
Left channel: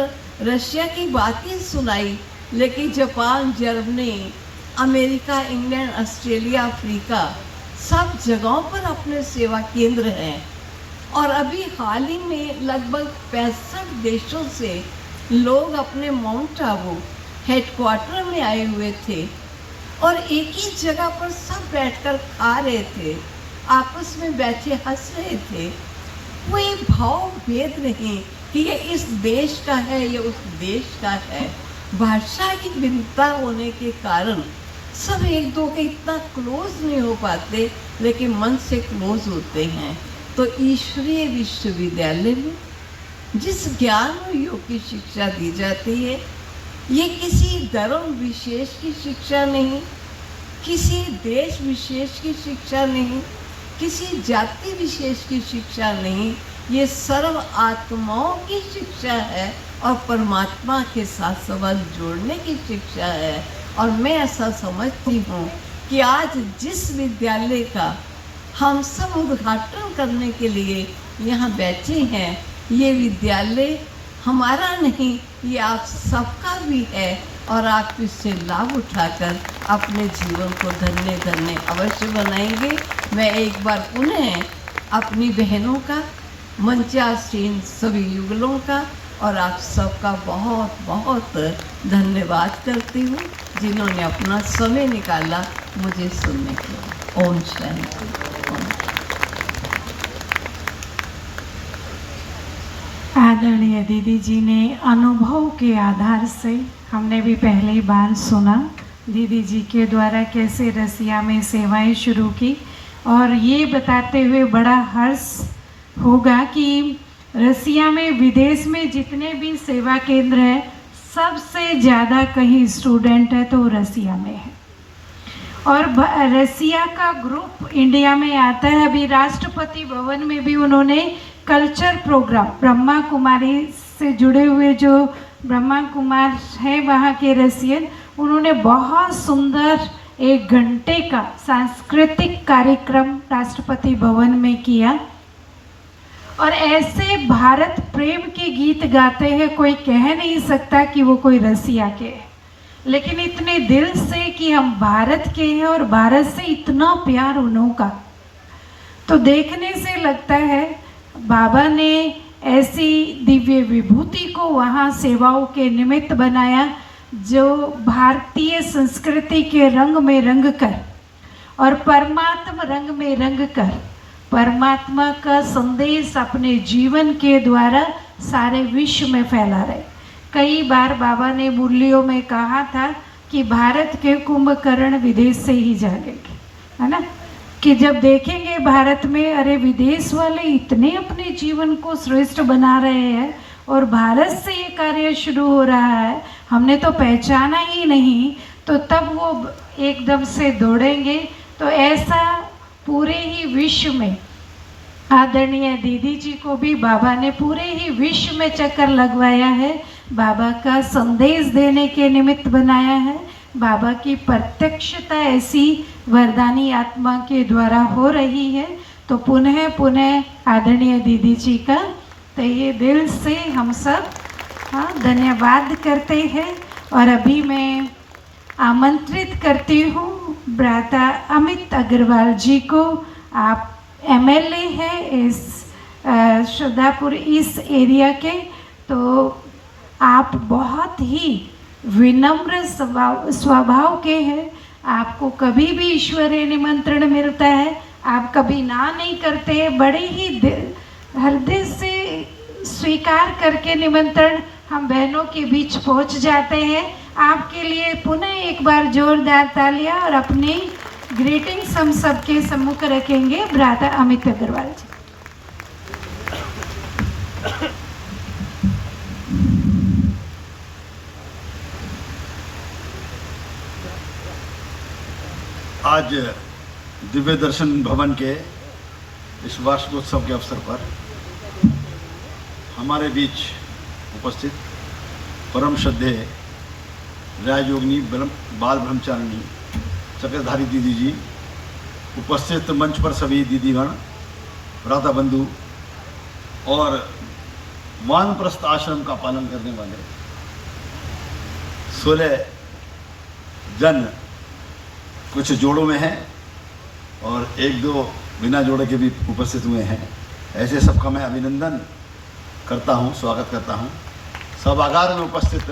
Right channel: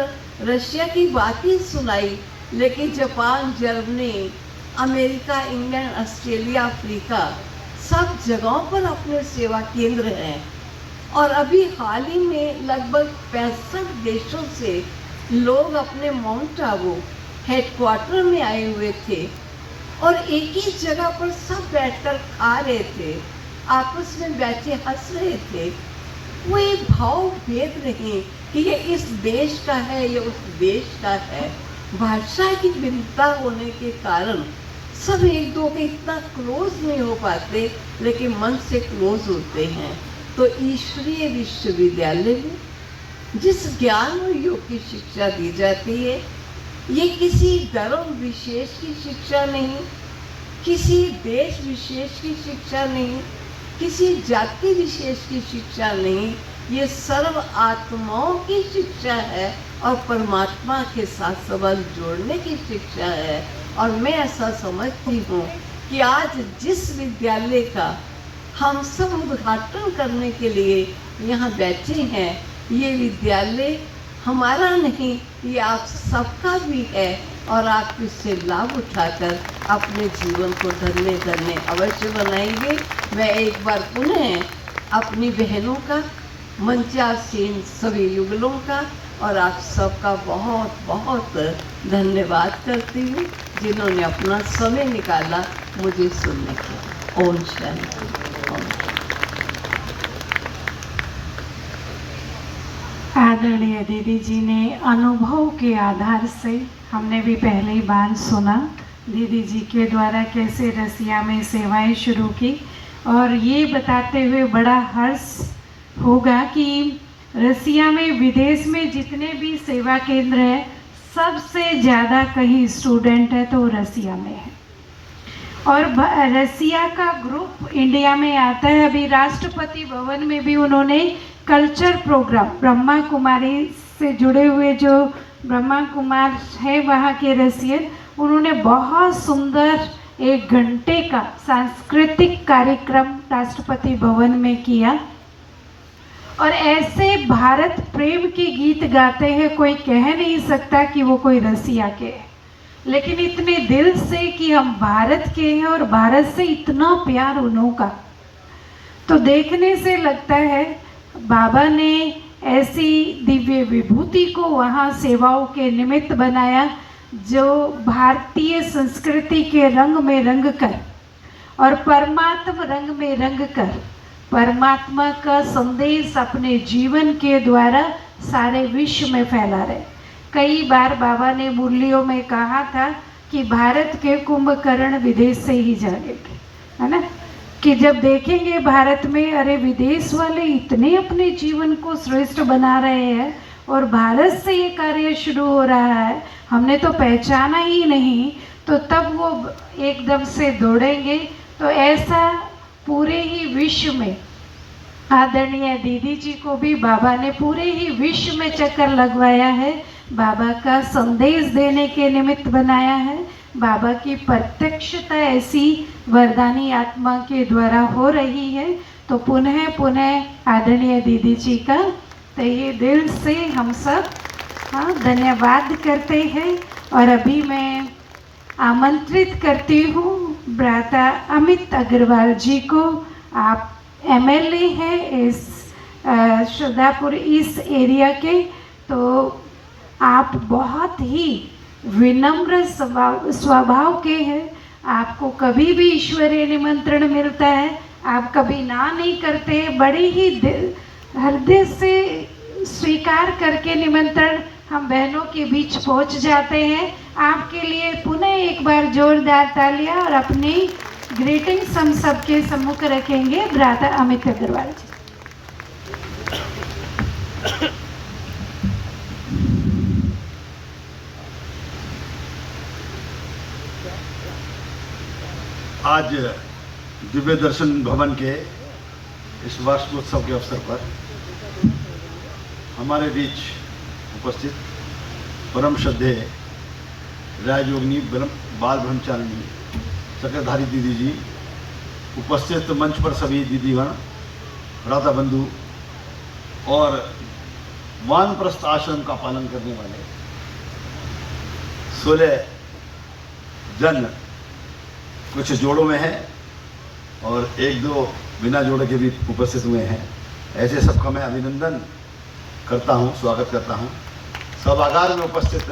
रशिया की बात ही सुनाई, लेकिन Japan, Germany, America, England, Australia, Africa सब जगहों पर अपने सेवा केंद्र हैं। और अभी हाल ही में लगभग 65 देशों से लोग अपने माउंट आबू हेडक्वार्टर में आए हुए थे और एक ही जगह पर सब बैठकर खा रहे थे, आपस में बैठे हंस रहे थे। कोई भाव भेद नहीं कि ये इस देश का है, ये उस देश का है। भाषा की भिन्नता होने के कारण सब एक दो के इतना क्लोज नहीं हो पाते, लेकिन मन से क्लोज होते हैं। तो ईश्वरीय विश्वविद्यालय में जिस ज्ञान योग की शिक्षा दी जाती है, ये किसी धर्म विशेष की शिक्षा नहीं, किसी देश विशेष की शिक्षा नहीं, किसी जाति विशेष की शिक्षा नहीं, ये सर्व आत्माओं की शिक्षा है और परमात्मा के साथ संबंध जोड़ने की शिक्षा है। और मैं ऐसा समझती हूँ कि आज जिस विद्यालय का हम सब उद्घाटन करने के लिए यहाँ बैठे हैं, ये विद्यालय हमारा नहीं, ये आप सबका भी है और आप इससे लाभ उठाकर अपने जीवन को धन्य धन्य अवश्य बनाएंगे। मैं एक बार पुनः अपनी बहनों का, मंचासीन सभी युगलों का और आप सबका बहुत बहुत धन्यवाद करती हूँ, जिन्होंने अपना समय निकाला मुझे सुनने का। ओम शांति। आदरणीय दीदी जी ने अनुभव के आधार से, हमने भी पहली बार सुना दीदी जी के द्वारा कैसे रसिया में सेवाएं शुरू की, और ये बताते हुए बड़ा हर्ष होगा कि रसिया में, विदेश में जितने भी सेवा केंद्र हैं, सबसे ज़्यादा कहीं स्टूडेंट है तो रसिया में है। और रसिया का ग्रुप इंडिया में आता है। अभी राष्ट्रपति भवन में भी उन्होंने कल्चर प्रोग्राम, ब्रह्मा कुमारी से जुड़े हुए जो ब्रह्मा कुमार हैं वहाँ के रसियन, उन्होंने बहुत सुंदर 1 घंटे का सांस्कृतिक कार्यक्रम राष्ट्रपति भवन में किया। और ऐसे भारत प्रेम के गीत गाते हैं, कोई कह नहीं सकता कि वो कोई रसिया के हैं, लेकिन इतने दिल से कि हम भारत के हैं और भारत से इतना प्यार उन्हों का। तो देखने से लगता है बाबा ने ऐसी दिव्य विभूति को वहाँ सेवाओं के निमित्त बनाया, जो भारतीय संस्कृति के रंग में रंग कर और परमात्मा रंग में रंग कर परमात्मा का संदेश अपने जीवन के द्वारा सारे विश्व में फैला रहे। कई बार बाबा ने मुरलियों में कहा था कि भारत के कुंभकर्ण विदेश से ही जागेंगे, है ना, कि जब देखेंगे भारत में, अरे विदेश वाले इतने अपने जीवन को श्रेष्ठ बना रहे हैं और भारत से ये कार्य शुरू हो रहा है, हमने तो पहचाना ही नहीं, तो तब वो एकदम से दौड़ेंगे। तो ऐसा पूरे ही विश्व में आदरणीय दीदी जी को भी बाबा ने पूरे ही विश्व में चक्कर लगवाया है, बाबा का संदेश देने के निमित्त बनाया है। बाबा की प्रत्यक्षता ऐसी वरदानी आत्मा के द्वारा हो रही है। तो पुनः पुनः आदरणीय दीदी जी का तहे दिल से हम सब धन्यवाद करते हैं। और अभी मैं आमंत्रित करती हूँ भ्राता अमित अग्रवाल जी को। आप MLA है इस श्रद्धापुर इस एरिया के, तो आप बहुत ही विनम्र स्वभाव के हैं। आपको कभी भी ईश्वरीय निमंत्रण मिलता है, आप कभी ना नहीं करते, बड़े ही हृदय से स्वीकार करके निमंत्रण हम बहनों के बीच पहुंच जाते हैं। आपके लिए पुनः एक बार जोरदार तालियां और अपनी ग्रीटिंग्स हम सबके सम्मुख रखेंगे। भ्राता अमित अग्रवाल जी। आज दिव्य दर्शन भवन के इस वार्षिकोत्सव के अवसर पर हमारे बीच उपस्थित परम श्रद्धेय राजयोगिनी बाल ब्रह्मचारिणी चक्रधारी दीदी जी, उपस्थित मंच पर सभी दीदीगण, भ्राता बंधु और वानप्रस्थ आश्रम का पालन करने वाले 16 जन कुछ जोड़ों में हैं और 1-2 बिना जोड़े के भी उपस्थित हुए हैं। ऐसे सबका मैं अभिनंदन करता हूं, स्वागत करता हूं। सभागार में उपस्थित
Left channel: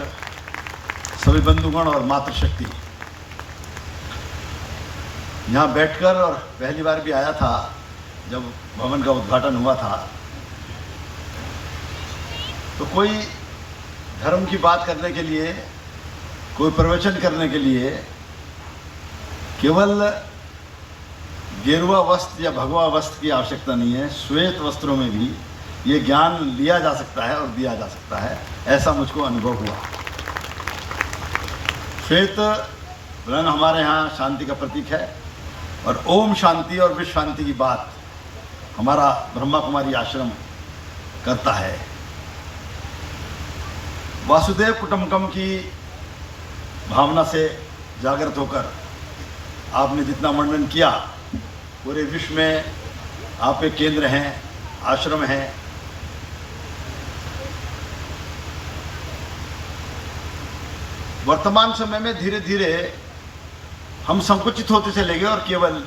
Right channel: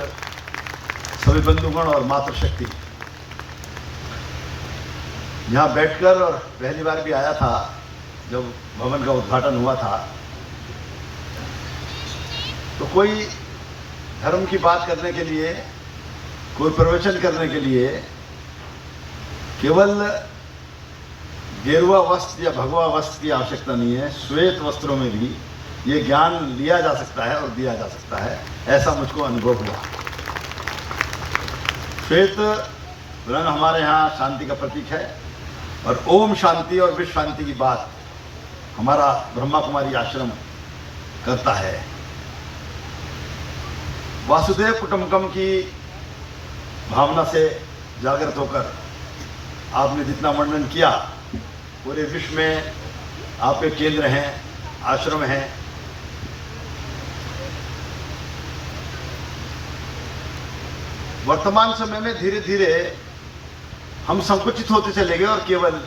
सभी बंधुगण और मातृशक्ति, यहाँ बैठकर, और पहली बार भी आया था जब भवन का उद्घाटन हुआ था, तो कोई धर्म की बात करने के लिए, कोई प्रवचन करने के लिए केवल गेरुआ वस्त्र या भगवा वस्त्र की आवश्यकता नहीं है। श्वेत वस्त्रों में भी ये ज्ञान लिया जा सकता है और दिया जा सकता है, ऐसा मुझको अनुभव हुआ। श्वेत रंग हमारे यहाँ शांति का प्रतीक है और ओम शांति और विश्व शांति की बात हमारा ब्रह्मा कुमारी आश्रम करता है। वासुदेव कुटुंबकम की भावना से जागृत होकर आपने जितना वर्णन किया, पूरे विश्व में आपके केंद्र हैं, आश्रम हैं। वर्तमान समय में धीरे धीरे हम संकुचित होते चले गए और केवल,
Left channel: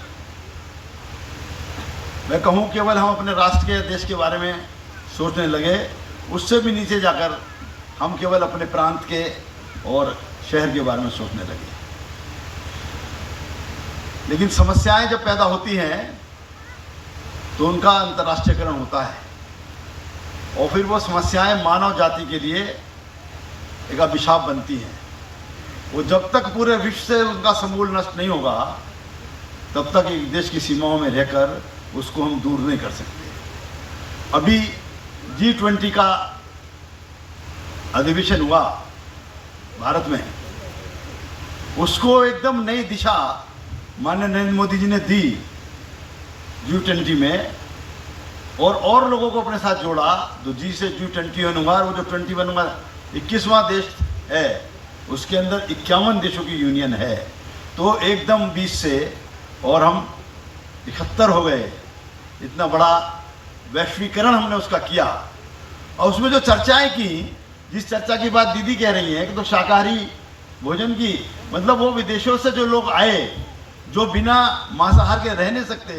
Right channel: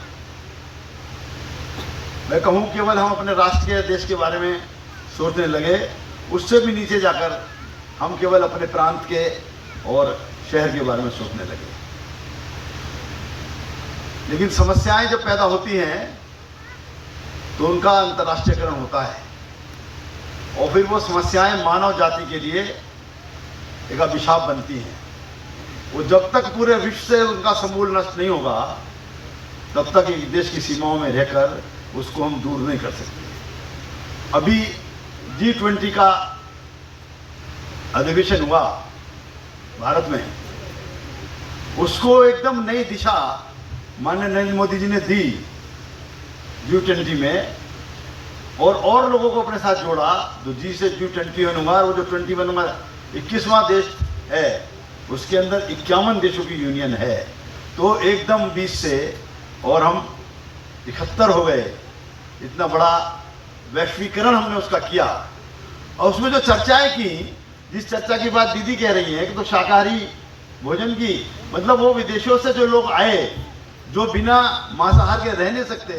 मैं कहूँ केवल हम अपने राष्ट्र के, देश के बारे में सोचने लगे। उससे भी नीचे जाकर हम केवल अपने प्रांत के और शहर के बारे में सोचने लगे। लेकिन समस्याएं जब पैदा होती हैं तो उनका अंतर्राष्ट्रीयकरण होता है और फिर वो समस्याएं मानव जाति के लिए एक अभिशाप बनती हैं। वो जब तक पूरे विश्व से उनका समूल नष्ट नहीं होगा, तब तक एक देश की सीमाओं में रहकर उसको हम दूर नहीं कर सकते। अभी G20 का अधिवेशन हुआ भारत में, उसको एकदम नई दिशा माननीय नरेंद्र मोदी जी ने दी G20 में, और लोगों को अपने साथ जोड़ा। जो G से G21 हुआ, वो जो 21 हुआ 21वां देश है, उसके अंदर 51 देशों की यूनियन है। तो एकदम 20 से और हम 71 हो गए। इतना बड़ा वैश्वीकरण हमने उसका किया। और उसमें जो चर्चाएं की, जिस चर्चा की बात दीदी कह रही है कि तो शाकाहारी भोजन की, मतलब वो विदेशों से जो लोग आए, जो बिना मांसाहार के रह नहीं सकते,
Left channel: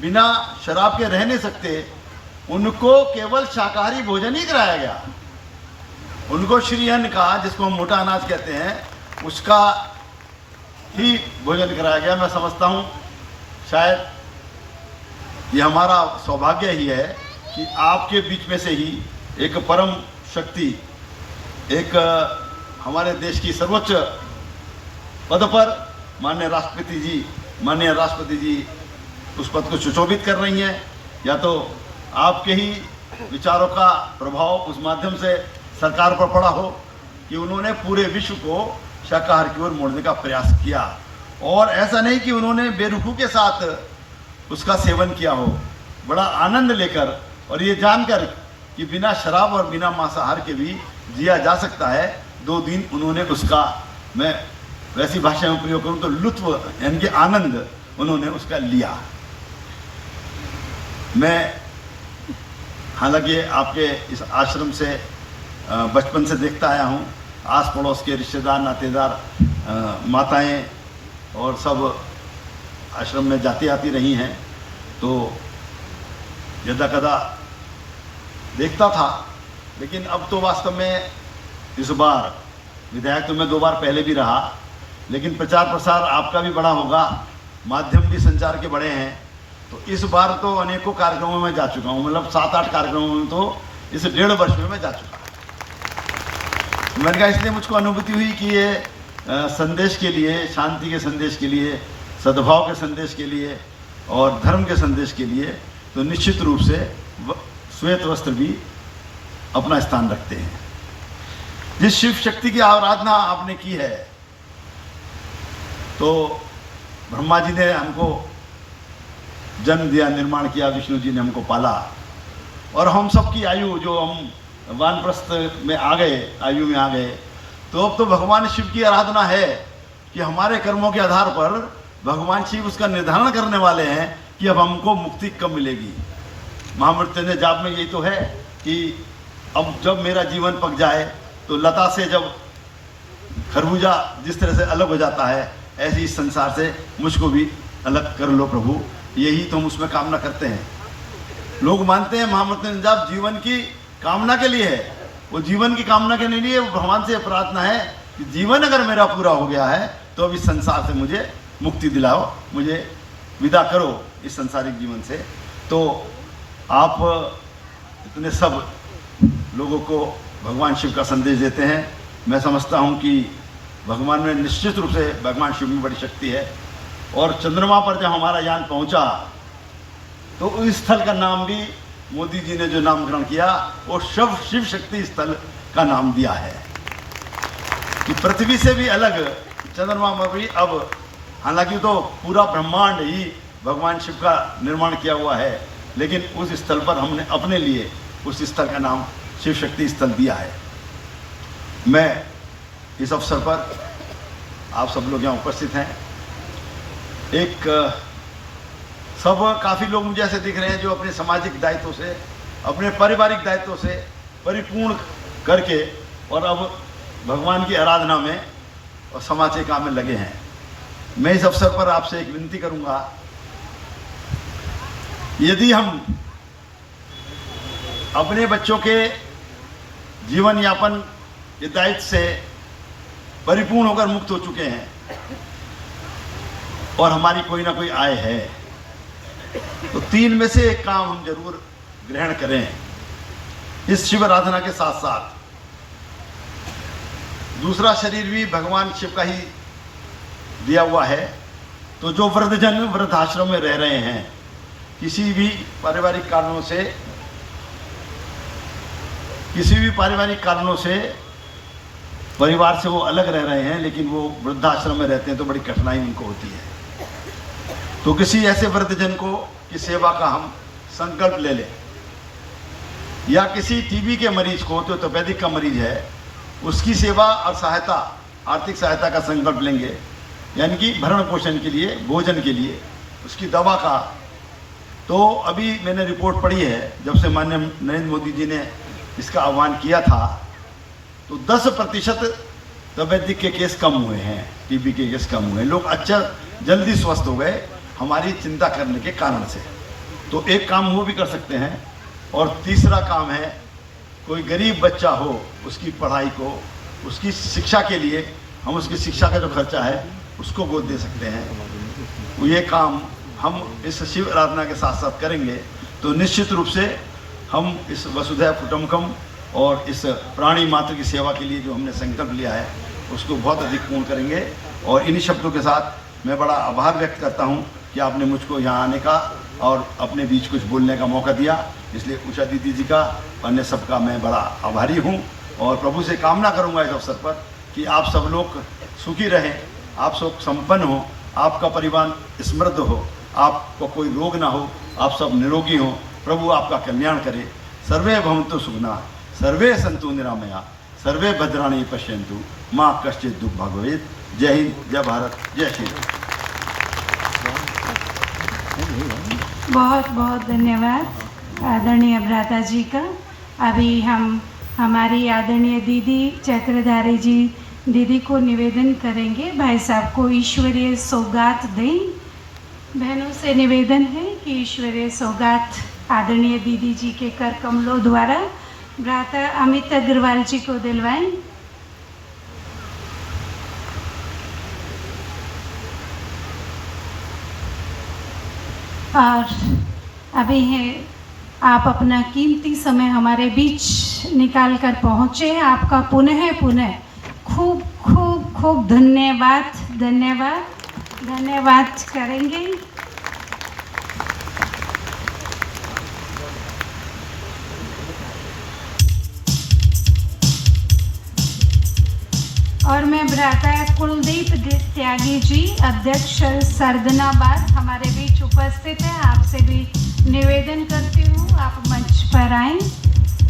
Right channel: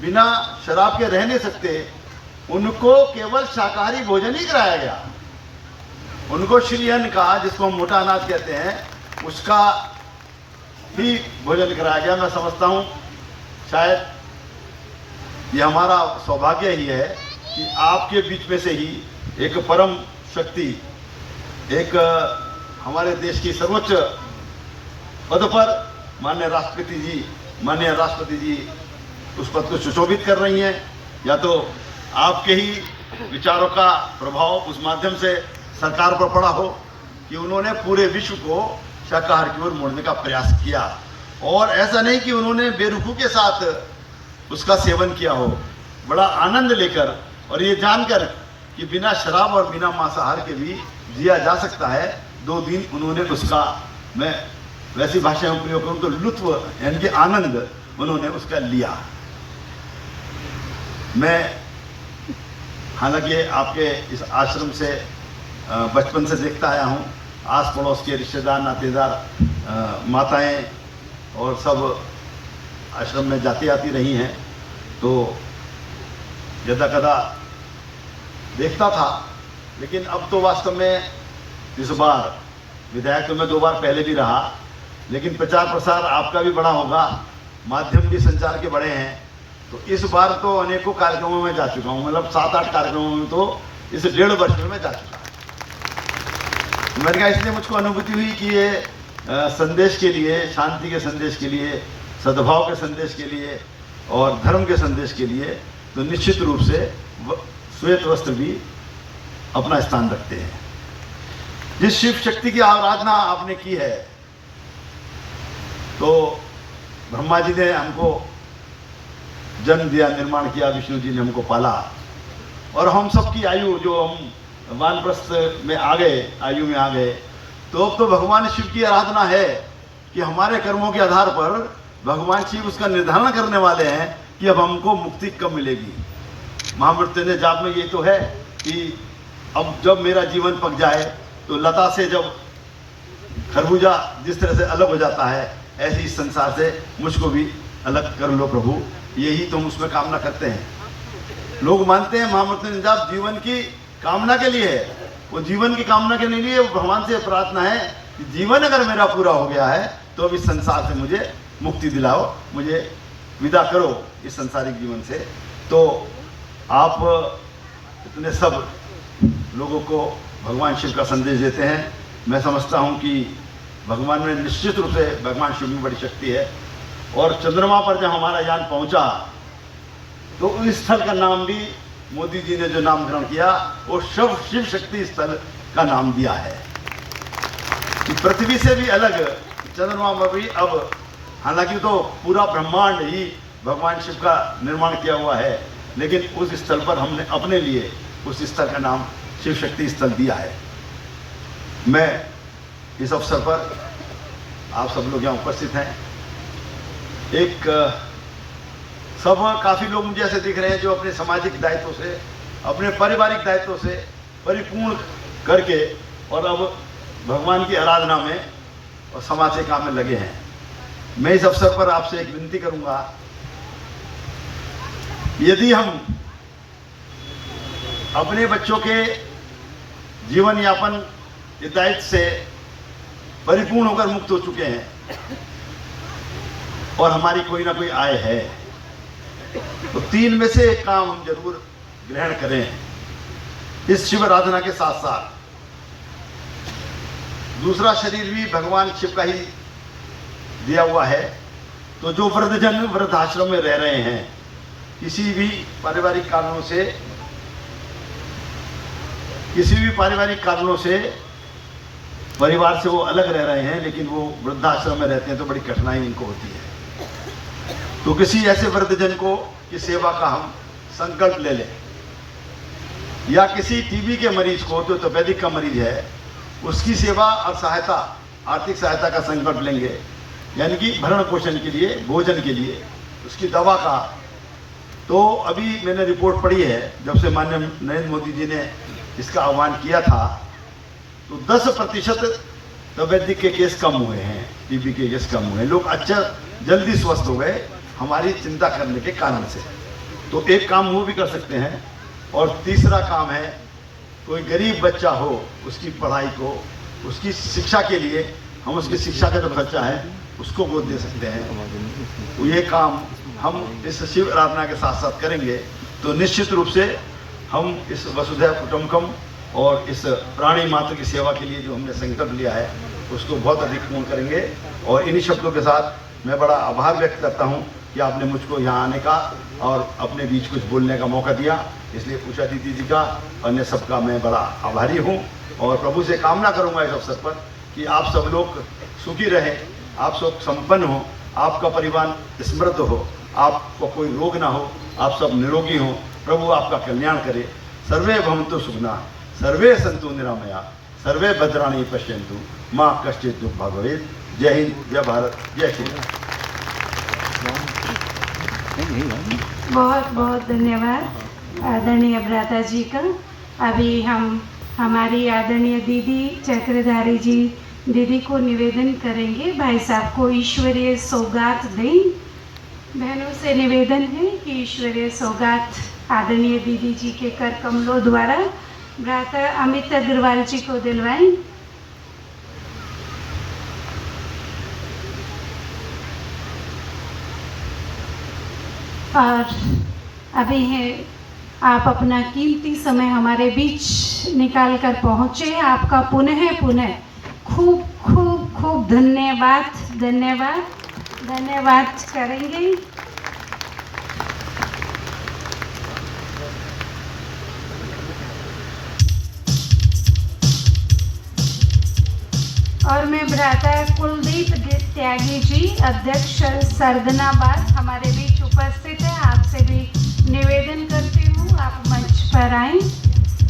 बिना शराब के रह नहीं सकते, उनको केवल शाकाहारी भोजन ही कराया गया। उनको श्रीअन्न का, जिसको हम मोटा अनाज कहते हैं, उसका ही भोजन कराया गया। मैं समझता हूँ शायद ये हमारा सौभाग्य ही है कि आपके बीच में से ही एक परम शक्ति, एक हमारे देश की सर्वोच्च पद पर माननीय राष्ट्रपति जी उस पद को सुशोभित कर रही हैं। या तो आपके ही विचारों का प्रभाव उस माध्यम से सरकार पर पड़ा हो कि उन्होंने पूरे विश्व को शाकाहार की ओर मोड़ने का प्रयास किया, और ऐसा नहीं कि उन्होंने बेरुखी के साथ उसका सेवन किया हो, बड़ा आनंद लेकर और ये जानकर कि बिना शराब और बिना मांसाहार के भी जिया जा सकता है। 2 दिन उन्होंने उसका, मैं वैसी भाषा में प्रयोग करूँ तो लुत्फ यानी कि आनंद उन्होंने उसका लिया। मैं हालांकि आपके इस आश्रम से बचपन से देखता आया हूँ। आस पड़ोस के रिश्तेदार, नातेदार, माताएं और सब आश्रम में जाती आती रही हैं, तो यदा कदा देखता था। लेकिन अब तो वास्तव में इस बार विधायक तो मैं 2 बार पहले भी रहा, लेकिन प्रचार प्रसार आपका भी बड़ा होगा, माध्यम भी संचार के बड़े हैं, तो इस बार तो अनेकों कार्यक्रमों में जा चुका हूँ। मतलब 7-8 कार्यक्रमों में तो इस 1.5 वर्ष में मैं जा चुका हूँ। मैंने कहा इसलिए मुझको अनुभूति हुई कि ये संदेश के लिए, शांति के संदेश के लिए, सद्भाव के संदेश के लिए और धर्म के संदेश के लिए तो निश्चित रूप से श्वेत वस्त्र भी अपना स्थान रखते हैं। जिस शिव शक्ति की आराधना आपने की है, तो ब्रह्मा जी ने हमको जन्म दिया, निर्माण किया, विष्णु जी ने हमको पाला, और हम सबकी आयु जो हम वानप्रस्थ में आ गए, आयु में आ गए, तो अब तो भगवान शिव की आराधना है कि हमारे कर्मों के आधार पर भगवान शिव उसका निर्धारण करने वाले हैं कि अब हमको मुक्ति कब मिलेगी। महामृत्यु ने जाप में यही तो है कि अब जब मेरा जीवन पक जाए, तो लता से जब खरबूजा जिस तरह से अलग हो जाता है, ऐसे इस संसार से मुझको भी अलग कर लो प्रभु, यही तो हम उसमें कामना करते हैं। लोग मानते हैं महामृत्यु जाप जीवन की कामना के लिए है, वो जीवन की कामना के लिए वो भगवान से प्रार्थना है कि जीवन अगर मेरा पूरा हो गया है तो अब इस संसार से मुझे मुक्ति दिलाओ, मुझे विदा करो इस सांसारिक जीवन से। तो आप इतने सब लोगों को भगवान शिव का संदेश देते हैं। मैं समझता हूँ कि भगवान में निश्चित रूप से भगवान शिव में बड़ी शक्ति है। और चंद्रमा पर जब हमारा यान पहुंचा तो उस स्थल का नाम भी मोदी जी ने जो नामकरण किया वो शिव शक्ति स्थल का नाम दिया है कि पृथ्वी से भी अलग चंद्रमा में भी अब, हालांकि तो पूरा ब्रह्मांड ही भगवान शिव का निर्माण किया हुआ है, लेकिन उस स्थल पर हमने अपने लिए उस स्थल का नाम शिव शक्ति स्थल दिया है। मैं इस अवसर पर आप सब लोग यहाँ उपस्थित हैं, एक सब काफ़ी लोग मुझे ऐसे दिख रहे हैं जो अपने सामाजिक दायित्व से, अपने पारिवारिक दायित्व से परिपूर्ण करके और अब भगवान की आराधना में और समाज के काम में लगे हैं। मैं इस अवसर पर आपसे एक विनती करूंगा, यदि हम अपने बच्चों के जीवन यापन के दायित्व से परिपूर्ण होकर मुक्त हो चुके हैं और हमारी कोई ना कोई आय है, तो 3 में से एक काम हम जरूर ग्रहण करें इस शिव आराधना के साथ साथ। दूसरा शरीर भी भगवान शिव का ही दिया हुआ है, तो जो वृद्धजन वृद्धाश्रम में रह रहे हैं, किसी भी पारिवारिक कारणों से परिवार से वो अलग रह रहे हैं, लेकिन वो वृद्धाश्रम में रहते हैं तो बड़ी कठिनाई इनको होती है, तो किसी ऐसे वृद्धजन को की सेवा का हम संकल्प ले लें, या किसी टीबी के मरीज को जो तपेदिक का मरीज है उसकी सेवा और सहायता, आर्थिक सहायता का संकल्प लेंगे, यानी कि भरण पोषण के लिए, भोजन के लिए, उसकी दवा का। तो अभी मैंने रिपोर्ट पढ़ी है, जब से माननीय नरेंद्र मोदी जी ने इसका आह्वान किया था तो 10% तपेदिक के केस कम हुए हैं, टीबी के केस कम हुए हैं, लोग अच्छा जल्दी स्वस्थ हो गए हमारी चिंता करने के कारण से। तो एक काम वो भी कर सकते हैं। और तीसरा काम है, कोई गरीब बच्चा हो, उसकी पढ़ाई को, उसकी शिक्षा के लिए हम उसकी शिक्षा का जो खर्चा है उसको गोद दे सकते हैं। तो ये काम हम इस शिव आराधना के साथ साथ करेंगे तो निश्चित रूप से हम इस वसुधैव कुटुंबकम और इस प्राणी मात्र की सेवा के लिए जो हमने संकल्प लिया है उसको बहुत अधिक पूर्ण करेंगे। और इन्हीं शब्दों के साथ मैं बड़ा आभार व्यक्त करता हूँ कि आपने मुझको यहाँ आने का और अपने बीच कुछ बोलने का मौका दिया, इसलिए उषा दीदी जी का, अन्य सबका मैं बड़ा आभारी हूँ। और प्रभु से कामना करूँगा इस अवसर पर कि आप सब लोग सुखी रहें, आप सब संपन्न हो, आपका परिवार समृद्ध हो, आपको कोई रोग ना हो, आप सब निरोगी हो, प्रभु आपका कल्याण करे। सर्वे भवन्तु सुखिनः, सर्वे सन्तु निरामया, सर्वे भद्राणि पश्यन्तु, मां कश्चित् दुःखभाग् भवेत्। जय हिंद, जय भारत, जय श्री राम। बहुत बहुत धन्यवाद आदरणीय भ्राता जी का। अभी हम हमारी आदरणीय दीदी चक्रधारी जी दीदी को निवेदन करेंगे, भाई साहब को ईश्वरीय सौगात दें। बहनों से निवेदन है कि ईश्वरीय सौगात आदरणीय दीदी जी के कर कमलों द्वारा भ्राता अमित अग्रवाल जी को दिलवाएं। और अभी है आप अपना कीमती समय हमारे बीच निकाल कर पहुँचे, आपका पुनः खूब खूब खूब धन्यवाद धन्यवाद धन्यवाद करेंगे। अध्यक्ष सरदनाबाद हमारे बीच उपस्थित हैं। आपसे भी निवेदन करती हूँ आप मंच पर आएं।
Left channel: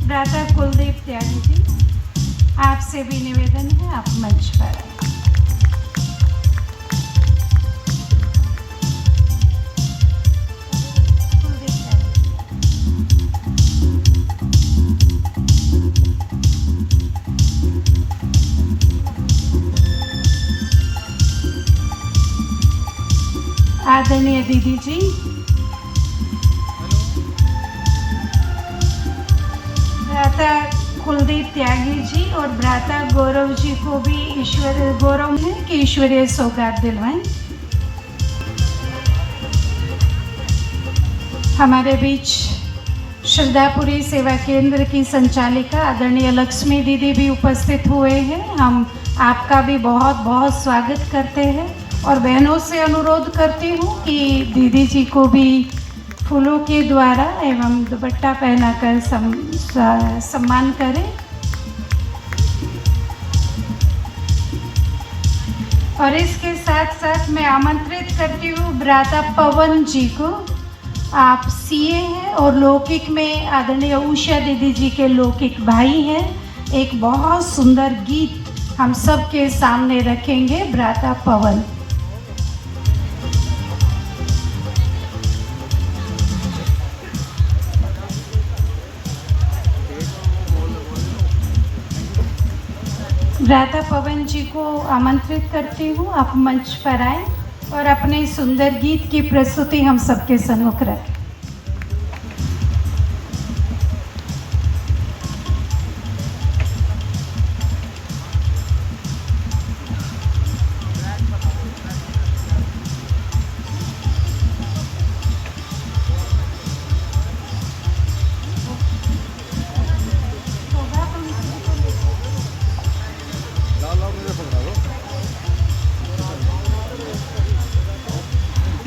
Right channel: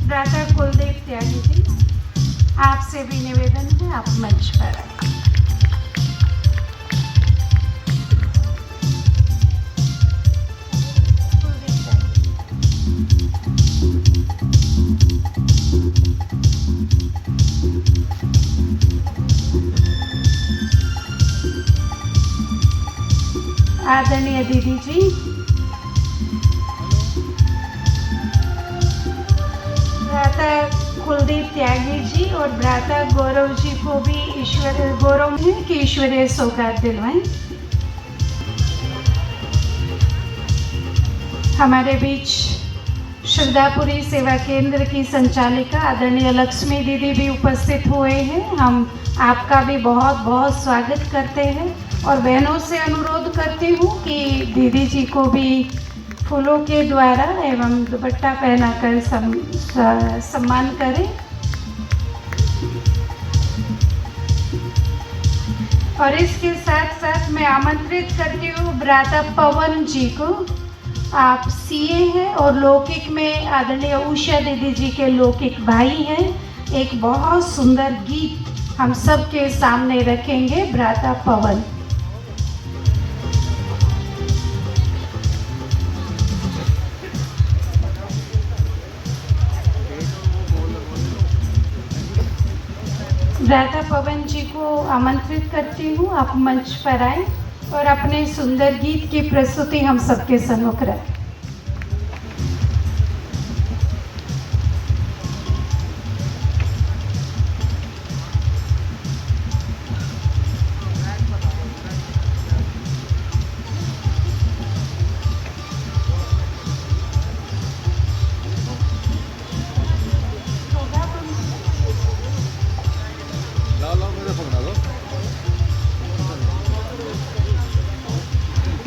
भ्राता कुलदीप त्यागी जी, आपसे भी निवेदन है आप मंच पर आएं। आदरणीय दीदी जी, भ्राता कुलदीप त्यागी जी और भ्राता गौरव जी को भी गौरव है कि ईश्वरीय सौगात दिलवाएं। हमारे बीच श्रद्धापुरी सेवा केंद्र की संचालिका आदरणीय लक्ष्मी दीदी भी उपस्थित हुए हैं। हम आपका भी बहुत बहुत स्वागत करते हैं और बहनों से अनुरोध करती हूँ कि दीदी जी को भी फूलों के द्वारा एवं दुपट्टा पहनाकर सम्मान करें। और इसके साथ साथ मैं आमंत्रित करती हूँ भ्राता पवन जी को। आप सीए हैं और लौकिक में आदरणीय उषा दीदी जी के लौकिक भाई हैं। एक बहुत सुंदर गीत हम सब के सामने रखेंगे। भ्राता पवन। भ्राता पवन जी को आमंत्रित करती हूँ आप मंच पर आए और अपने सुंदर गीत की प्रस्तुति हम सबके सम्मुख रखें।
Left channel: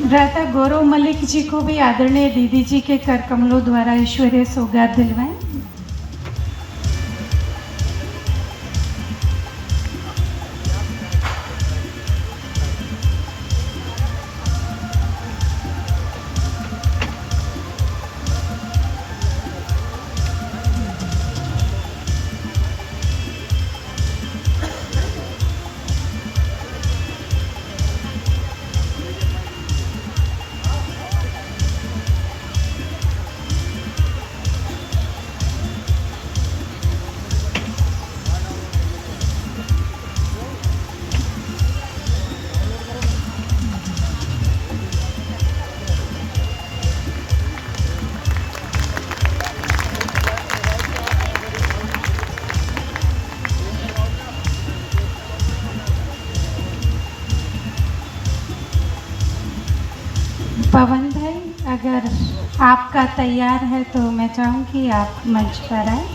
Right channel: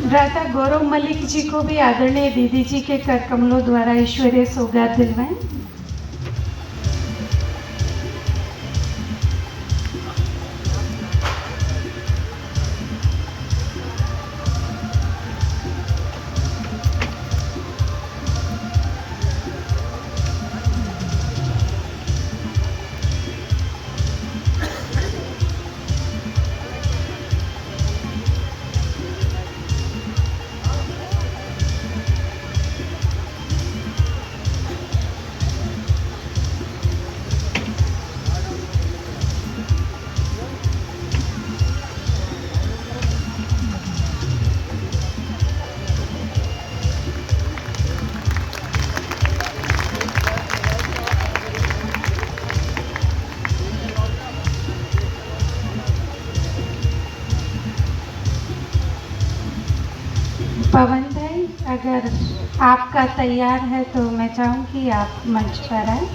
भ्राता गौरव मलिक जी को भी आदरणीय दीदी जी के कर कमलों द्वारा ईश्वरीय सौगात दिलवाएं। पवन भाई, अगर आपका तैयार है तो मैं चाहूँगी आप मंच पर आए।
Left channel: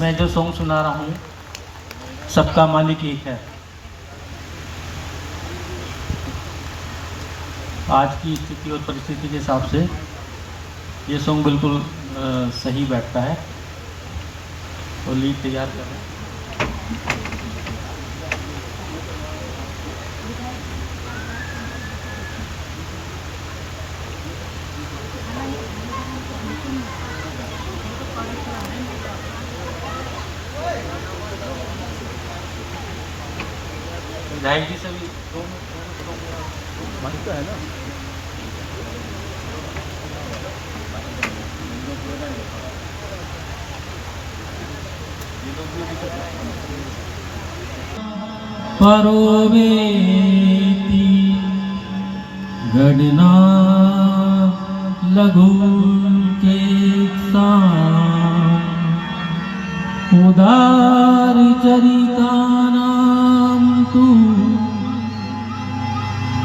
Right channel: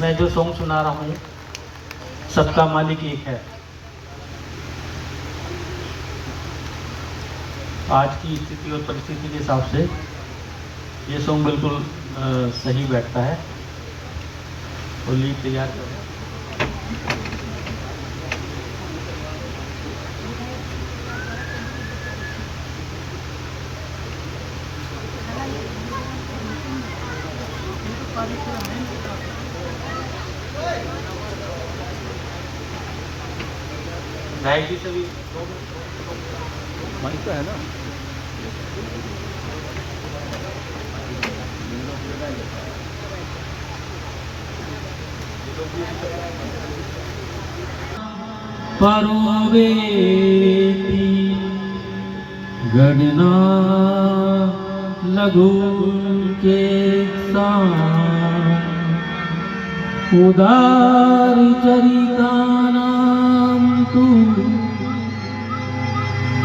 मैं जो सॉन्ग सुना रहा हूँ सबका मालिक एक है। आज की स्थिति और परिस्थिति के हिसाब से ये सॉन्ग बिल्कुल सही बैठता है। तो लीड तैयार कर गायकी से भी है ना। परोवेती गणना लघु के उदार चरिता नाम तू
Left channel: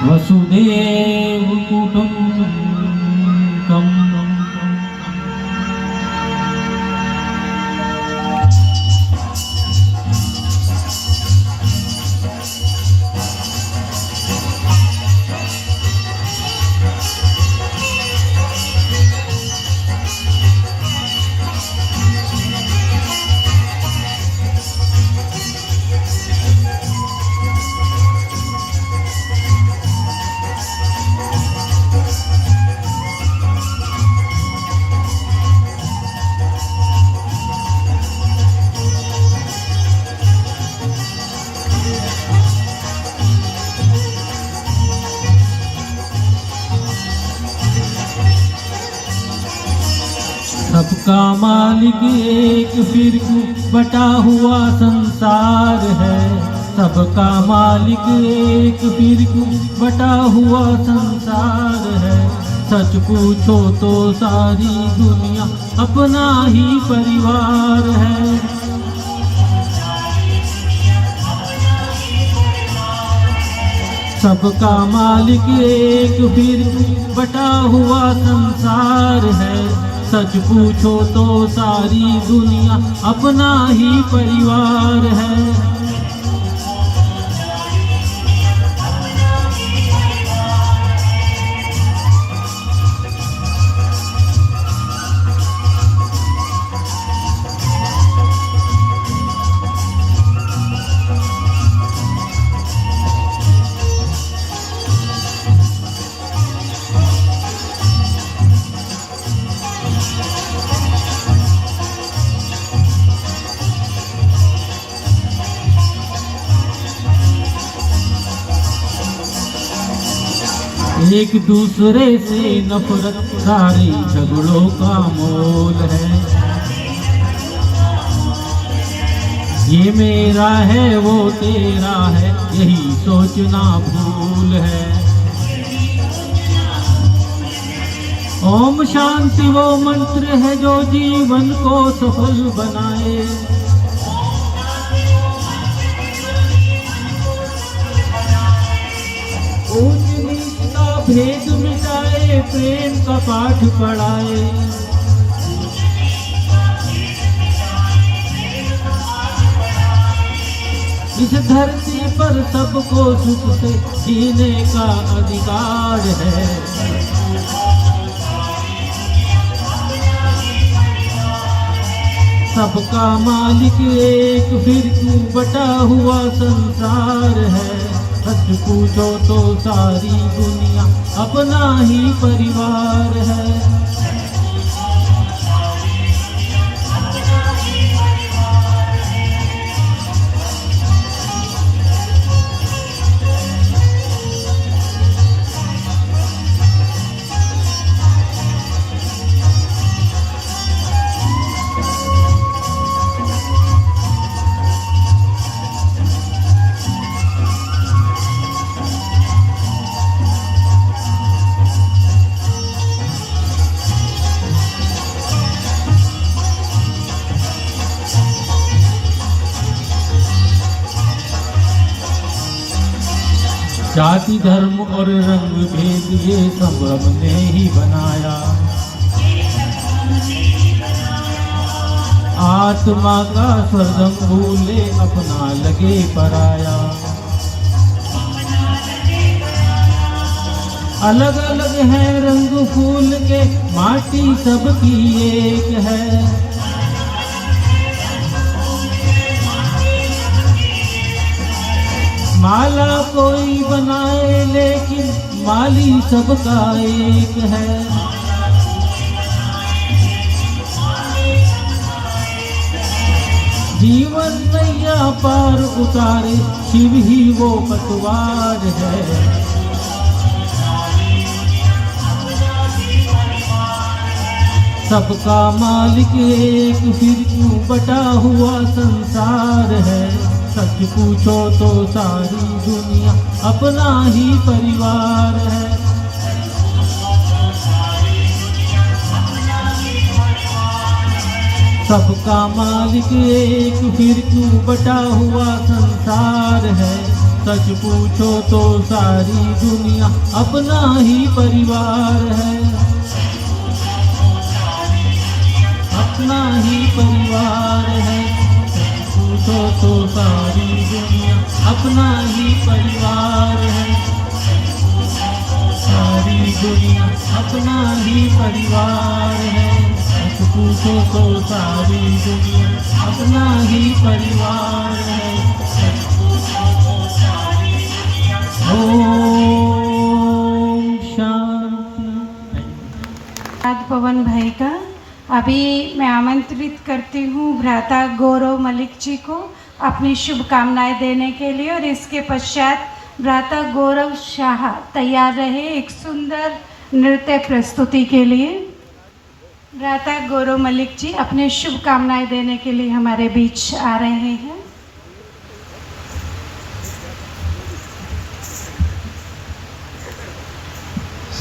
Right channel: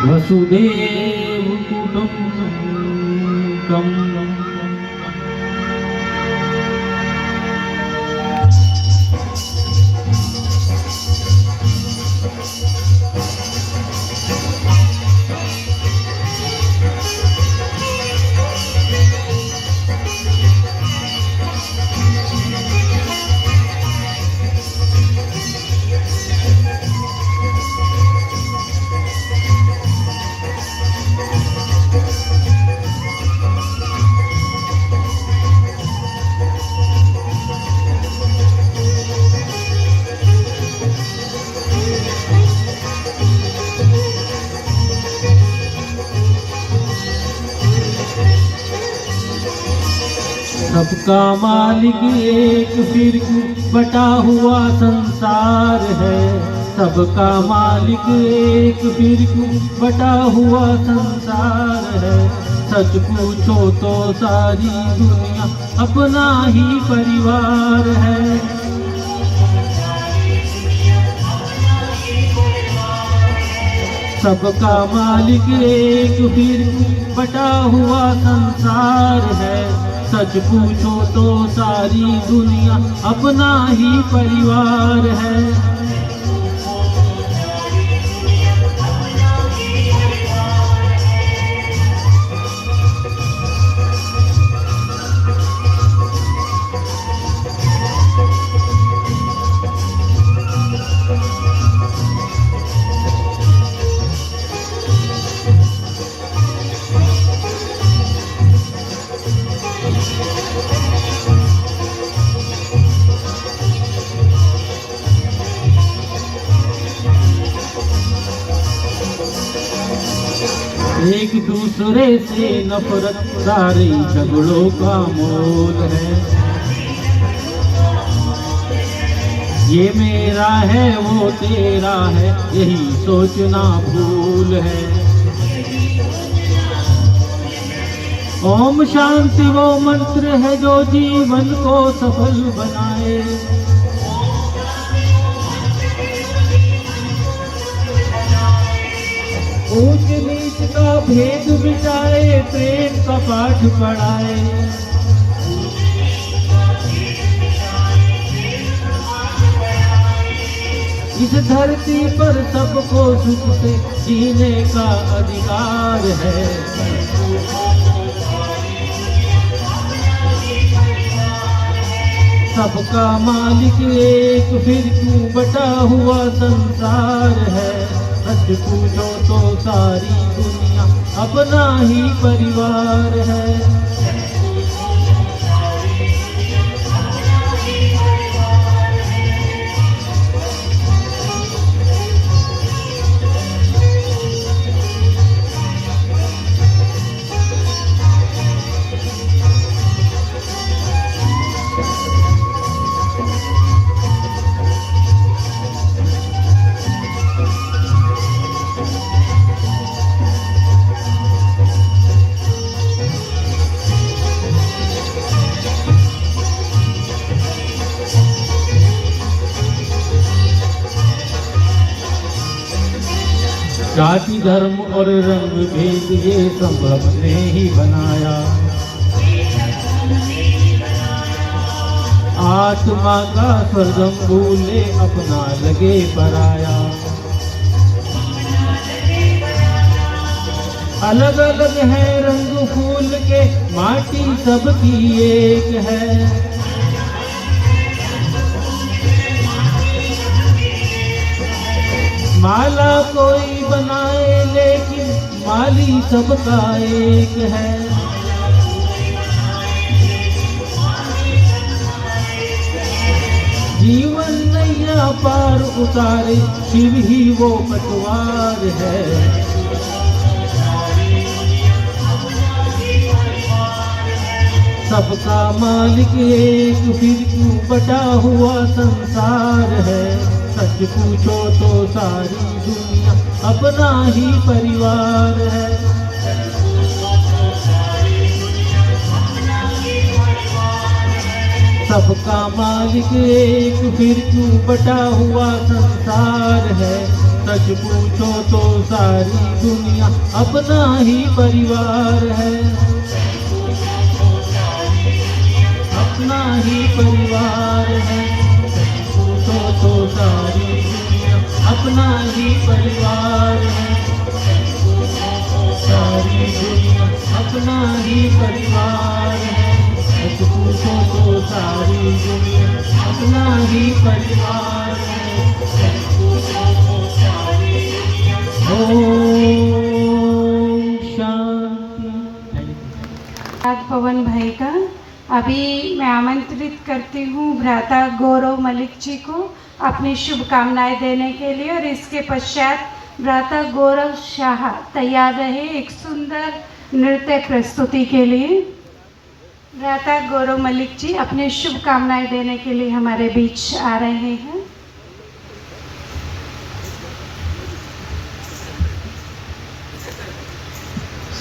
वसुदेव कुटुंब सबका मालिक एक फिर क्यों बटा हुआ संसार है। सबका मालिक एक फिर क्यों बटा हुआ संसार है। सच पूछो तो सारी दुनिया अपना ही परिवार है। सबका मालिक एक फिर बटा हुआ संसार है। सच पूछो तो सारी दुनिया अपना ही परिवार है। एक दूसरे से नफरत सारे झगड़ों का मोल है। ये मेरा है वो तेरा है यही सोचना भूल है। ओम शांति वो मंत्र है जो जीवन को सफल बनाए। ऊंच नीच का भेद मिटाए प्रेम का पाठ पढ़ाए। इस धरती पर सबको सुख से जीने का अधिकार है। सबका मालिक एक फिर क्यों बटा हुआ संसार है। सच पूछो तो सारी दुनिया अपना ही परिवार है। जाति धर्म और रंग भेद ये सब हमने ही बनाया। आत्मा का स्वर्गम भूले अपना लगे पराया। अलग अलग है रंग फूल के माटी सबकी एक है। माला कोई बनाए लेकिन माली सबका एक है। जीवन नैया पार उतारे शिव ही वो पटवार है। सबका मालिक एक फिर क्यों बटा हुआ संसार है। सच पूछो तो सारी दुनिया अपना ही परिवार है। सबका मालिक एक फिर क्यों बटा हुआ संसार है। सच पूछो तो सारी दुनिया अपना ही परिवार है। अपना ही परिवार है। पूछो तो सारी दुनिया अपना ही परिवार है। सारी दुनिया अपना ही परिवार है। पूछो तो सारी दुनिया अपना ही परिवार है। ओम शांति। पवन भाई का अभी मैं आमंत्रित करती हूँ भ्राता गौरव मलिक जी को अपनी शुभकामनाएं देने के लिए। और इसके पश्चात भ्राता गौरव शाह तैयार रहे एक सुंदर नृत्य प्रस्तुति के लिए। भ्राता गौरव मलिक जी अपने शुभकामनाएं देने के लिए हमारे बीच आ रहे हैं।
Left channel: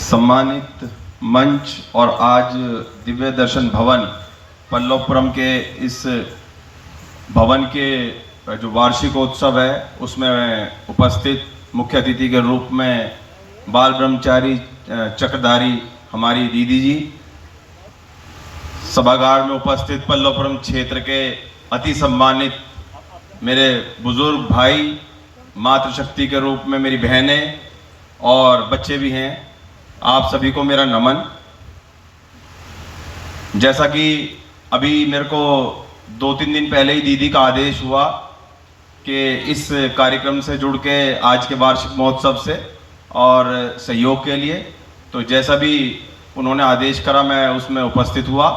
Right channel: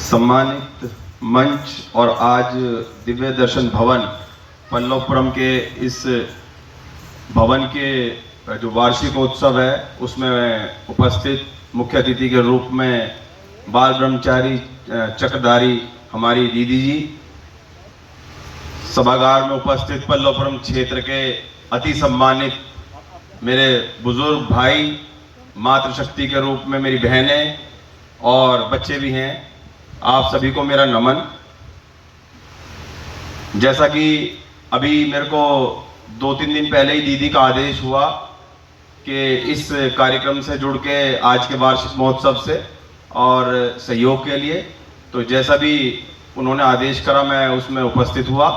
सम्मानित मंच और आज दिव्य दर्शन भवन पल्लवपुरम के इस भवन के जो वार्षिक उत्सव है उसमें उपस्थित मुख्य अतिथि के रूप में बाल ब्रह्मचारी चक्रधारी हमारी दीदी जी, सभागार में उपस्थित पल्लवपुरम क्षेत्र के अति सम्मानित मेरे बुजुर्ग भाई, मातृशक्ति के रूप में मेरी बहनें और बच्चे भी हैं, आप सभी को मेरा नमन। जैसा कि अभी मेरे को 2-3 दिन पहले ही दीदी का आदेश हुआ कि इस कार्यक्रम से जुड़ के आज के वार्षिक महोत्सव से और सहयोग के लिए, तो जैसा भी उन्होंने आदेश करा मैं उसमें उपस्थित हुआ।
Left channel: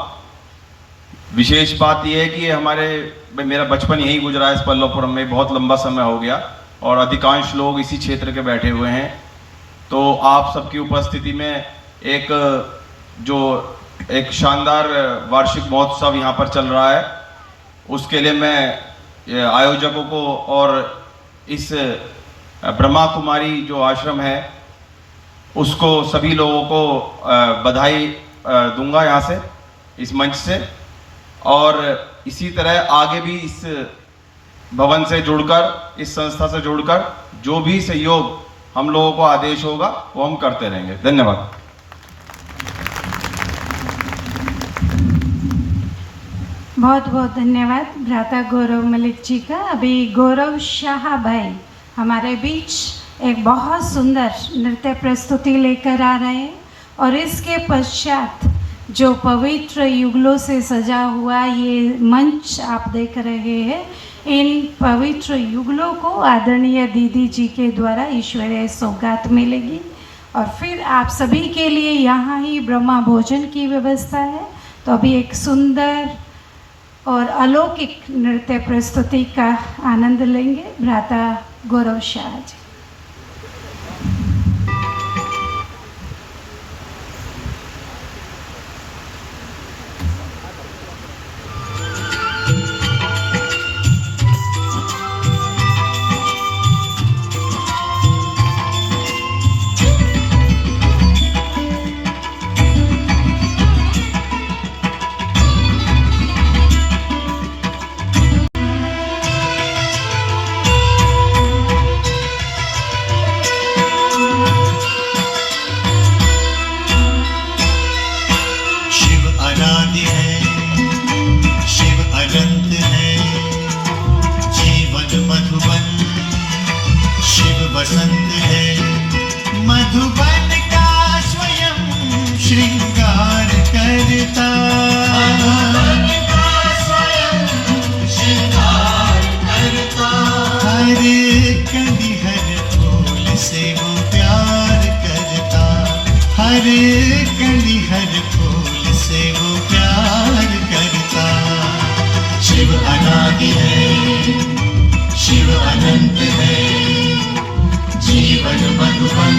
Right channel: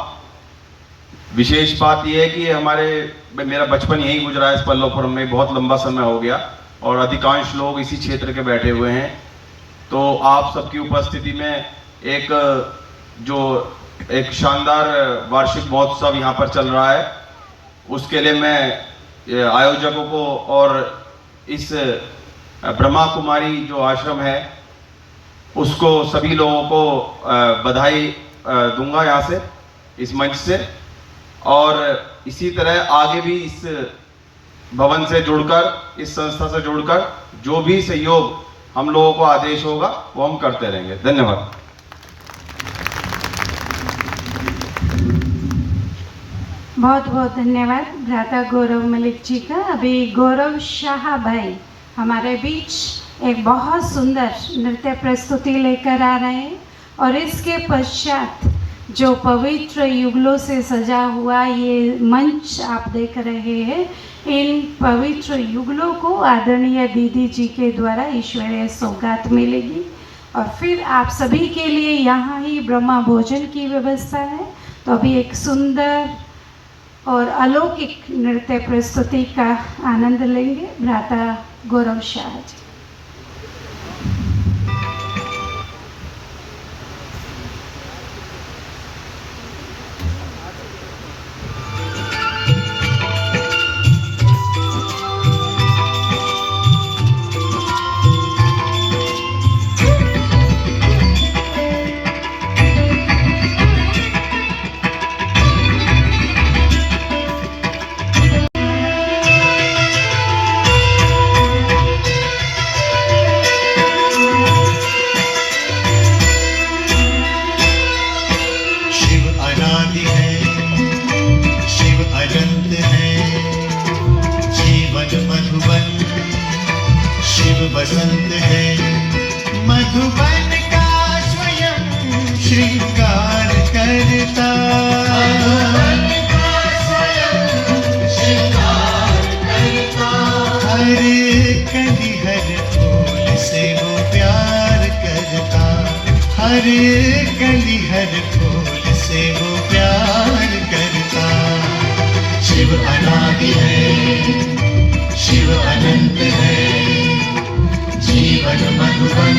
विशेष बात यह है कि मेरा बचपन यहीं गुजरा है इस पल्लवपुरम में, बहुत लंबा समय हो गया और अधिकांश लोग इसी क्षेत्र के बैठे हुए हैं। तो आप सबकी उपस्थिति में एक शानदार वार्षिक महोत्सव यहाँ पर चल रहा है, उसके लिए मैं आयोजकों को और इस ब्रह्मा कुमारी जो आश्रम है उसको सभी लोगों को बधाई दूंगा यहाँ से, इस मंच से। और इसी तरह आगे भी इस भवन से जुड़कर, इस संस्था से जुड़कर जो भी सहयोग हम लोगों को आदेश होगा वो हम करते रहेंगे। धन्यवाद। बहुत बहुत धन्यवाद भ्राता गौरव मलिक जी का। अभी गौरव शाह भाई हमारे बीच एक बहुत सुंदर नृत्य प्रस्तुति लेकर आ रहे हैं और इसके पश्चात जो पवित्र युगलों से सजा हुआ ये मंच आप देख रहे हैं, इन पवित्र युगलों को आदरणीय दीदी जी के द्वारा ईश्वरीय सौगात मिलेगी और फिर आप सभी के लिए यहाँ ही ब्रह्मा भोजन की व्यवस्था है। तो अभी एक सुंदर और अलौकिक नृत्य प्रस्तुति का आनंद लेंगे भ्राता गौरव शाह जी। बसंत है मधुबन का स्वयं श्रृंगार करता, हर कली हर फूल से वो प्यार करता, हर कली हर फूल से वो प्यार करता। शिव अनादि है, शिव अनंत है, जीवन मधुबन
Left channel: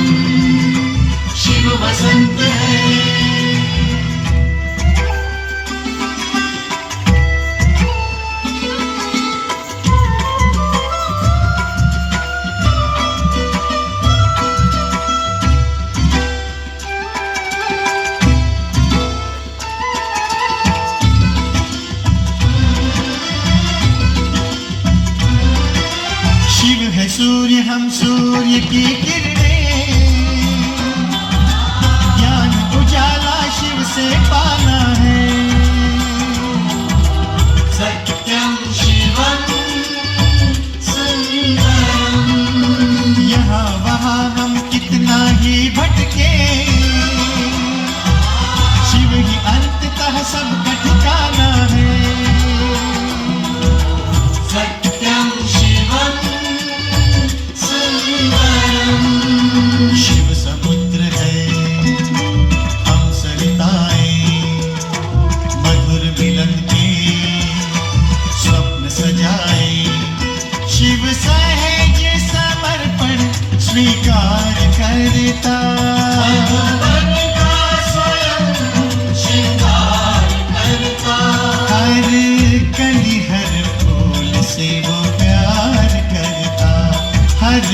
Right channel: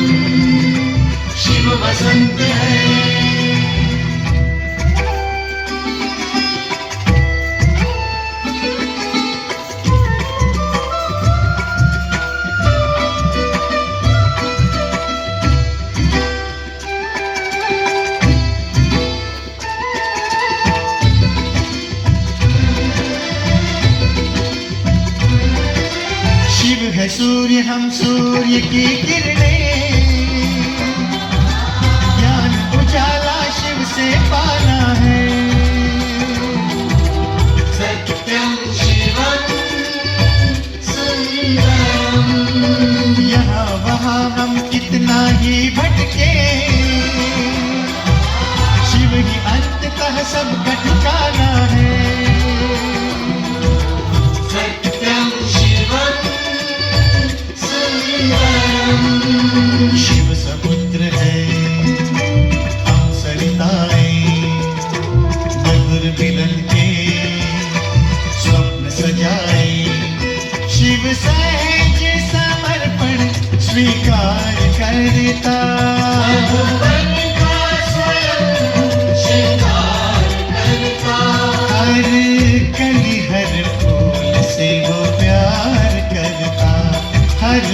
शिव बसंत है। शिव है सूर्य, हम सूर्य की किरणें, ज्ञान उजाला शिव से पाना है। सत्यम शिवम सुंदरम, यहाँ वहाँ हम कितना ही भटके, शिव ही अंततः सबका ठिकाना है। सत्यम शिवम शिव समुद्र है, हम सरिताएं, मधुर मिलन के स्वप्न सजाए। शिव सहज समर्पण स्वीकार करता, मधुबन का स्वयं श्रृंगार हर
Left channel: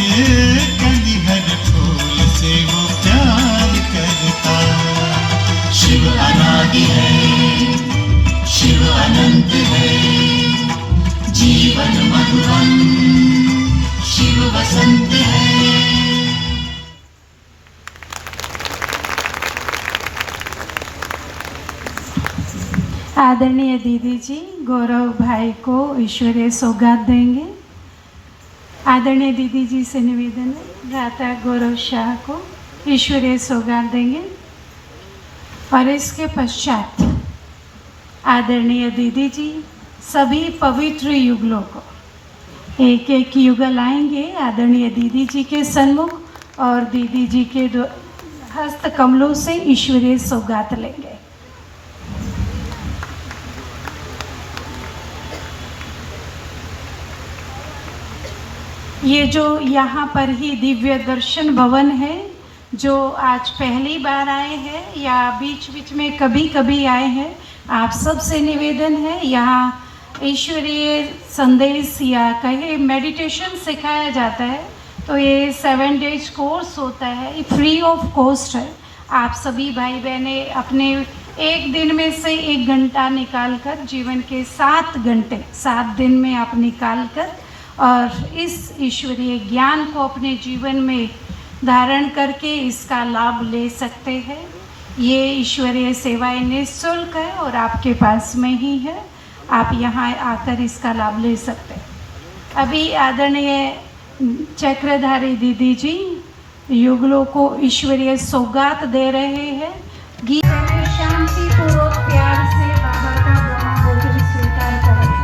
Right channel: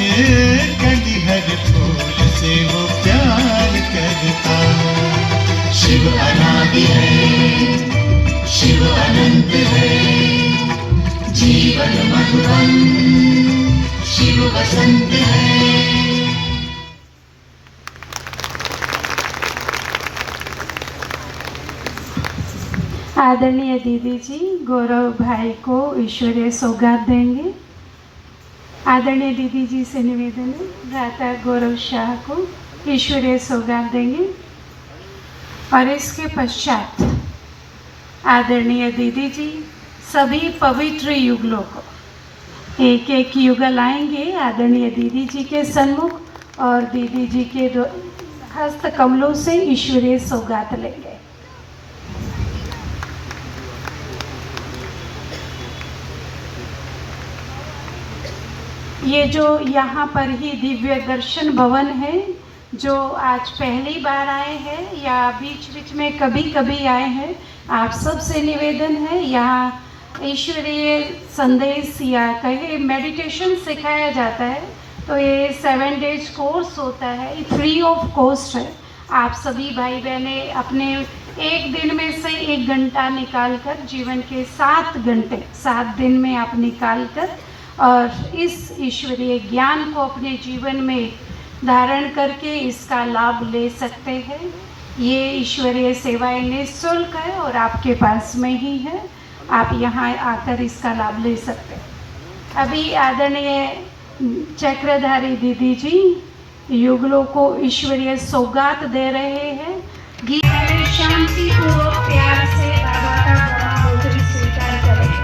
कली हर फूल से वो प्यार करता। शिव अनादि है, शिव अनंत है, जीवन मधुरम शिव वसंत है। आदरणीय दीदी जी गौरव भाई को ईश्वरीय सौगात देंगे। आदरणीय दीदी जी से निवेदन है, भ्राता गौरव शाह को ईश्वरीय सौगात देंगे। और इसके पश्चात आदरणीय दीदी जी सभी पवित्र युगलों को एक एक युगल आएंगे आदरणीय दीदी जी के सन्मुख और दीदी जी के हस्त कमलों से ईश्वरीय सौगात लेंगे। ये जो यहाँ पर ही दिव्य दर्शन भवन है, जो आज पहली बार आए हैं या बीच बीच में कभी कभी आए हैं, आप सबसे निवेदन है यहाँ ईश्वरीय संदेश या कहे मेडिटेशन सिखाया जाता है। तो ये 7 डेज कोर्स होता है, ये फ्री ऑफ कॉस्ट है। आप सभी भाई बहनें अपने एक दिन में से 1 घंटा निकालकर जीवन के 7 घंटे 7 दिन में आप निकालकर और इस ईश्वरीय ज्ञान को अपने जीवन में धारण करके इसका लाभ ले सकते हैं। ये ईश्वरीय सेवाएं निःशुल्क है और आपके पास में ही है, आप यहाँ आकर इसका लाभ ले सकते हैं। अभी आदरणीय चक्रधारी दीदी जी युगलों को ईश्वरीय सौगात दे रहे हैं। गीत में शांतिपूर्वक प्यार से बाबा का महामंत्र स्वीकार करें।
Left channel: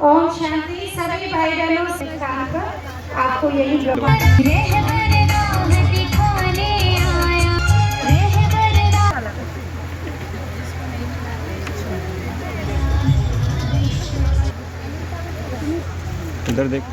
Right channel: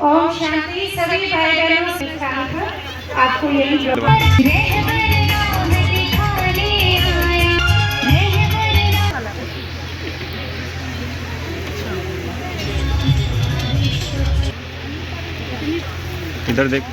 ओम शांति। सभी भाई बहनों से जानकर आपको यही इधर देख।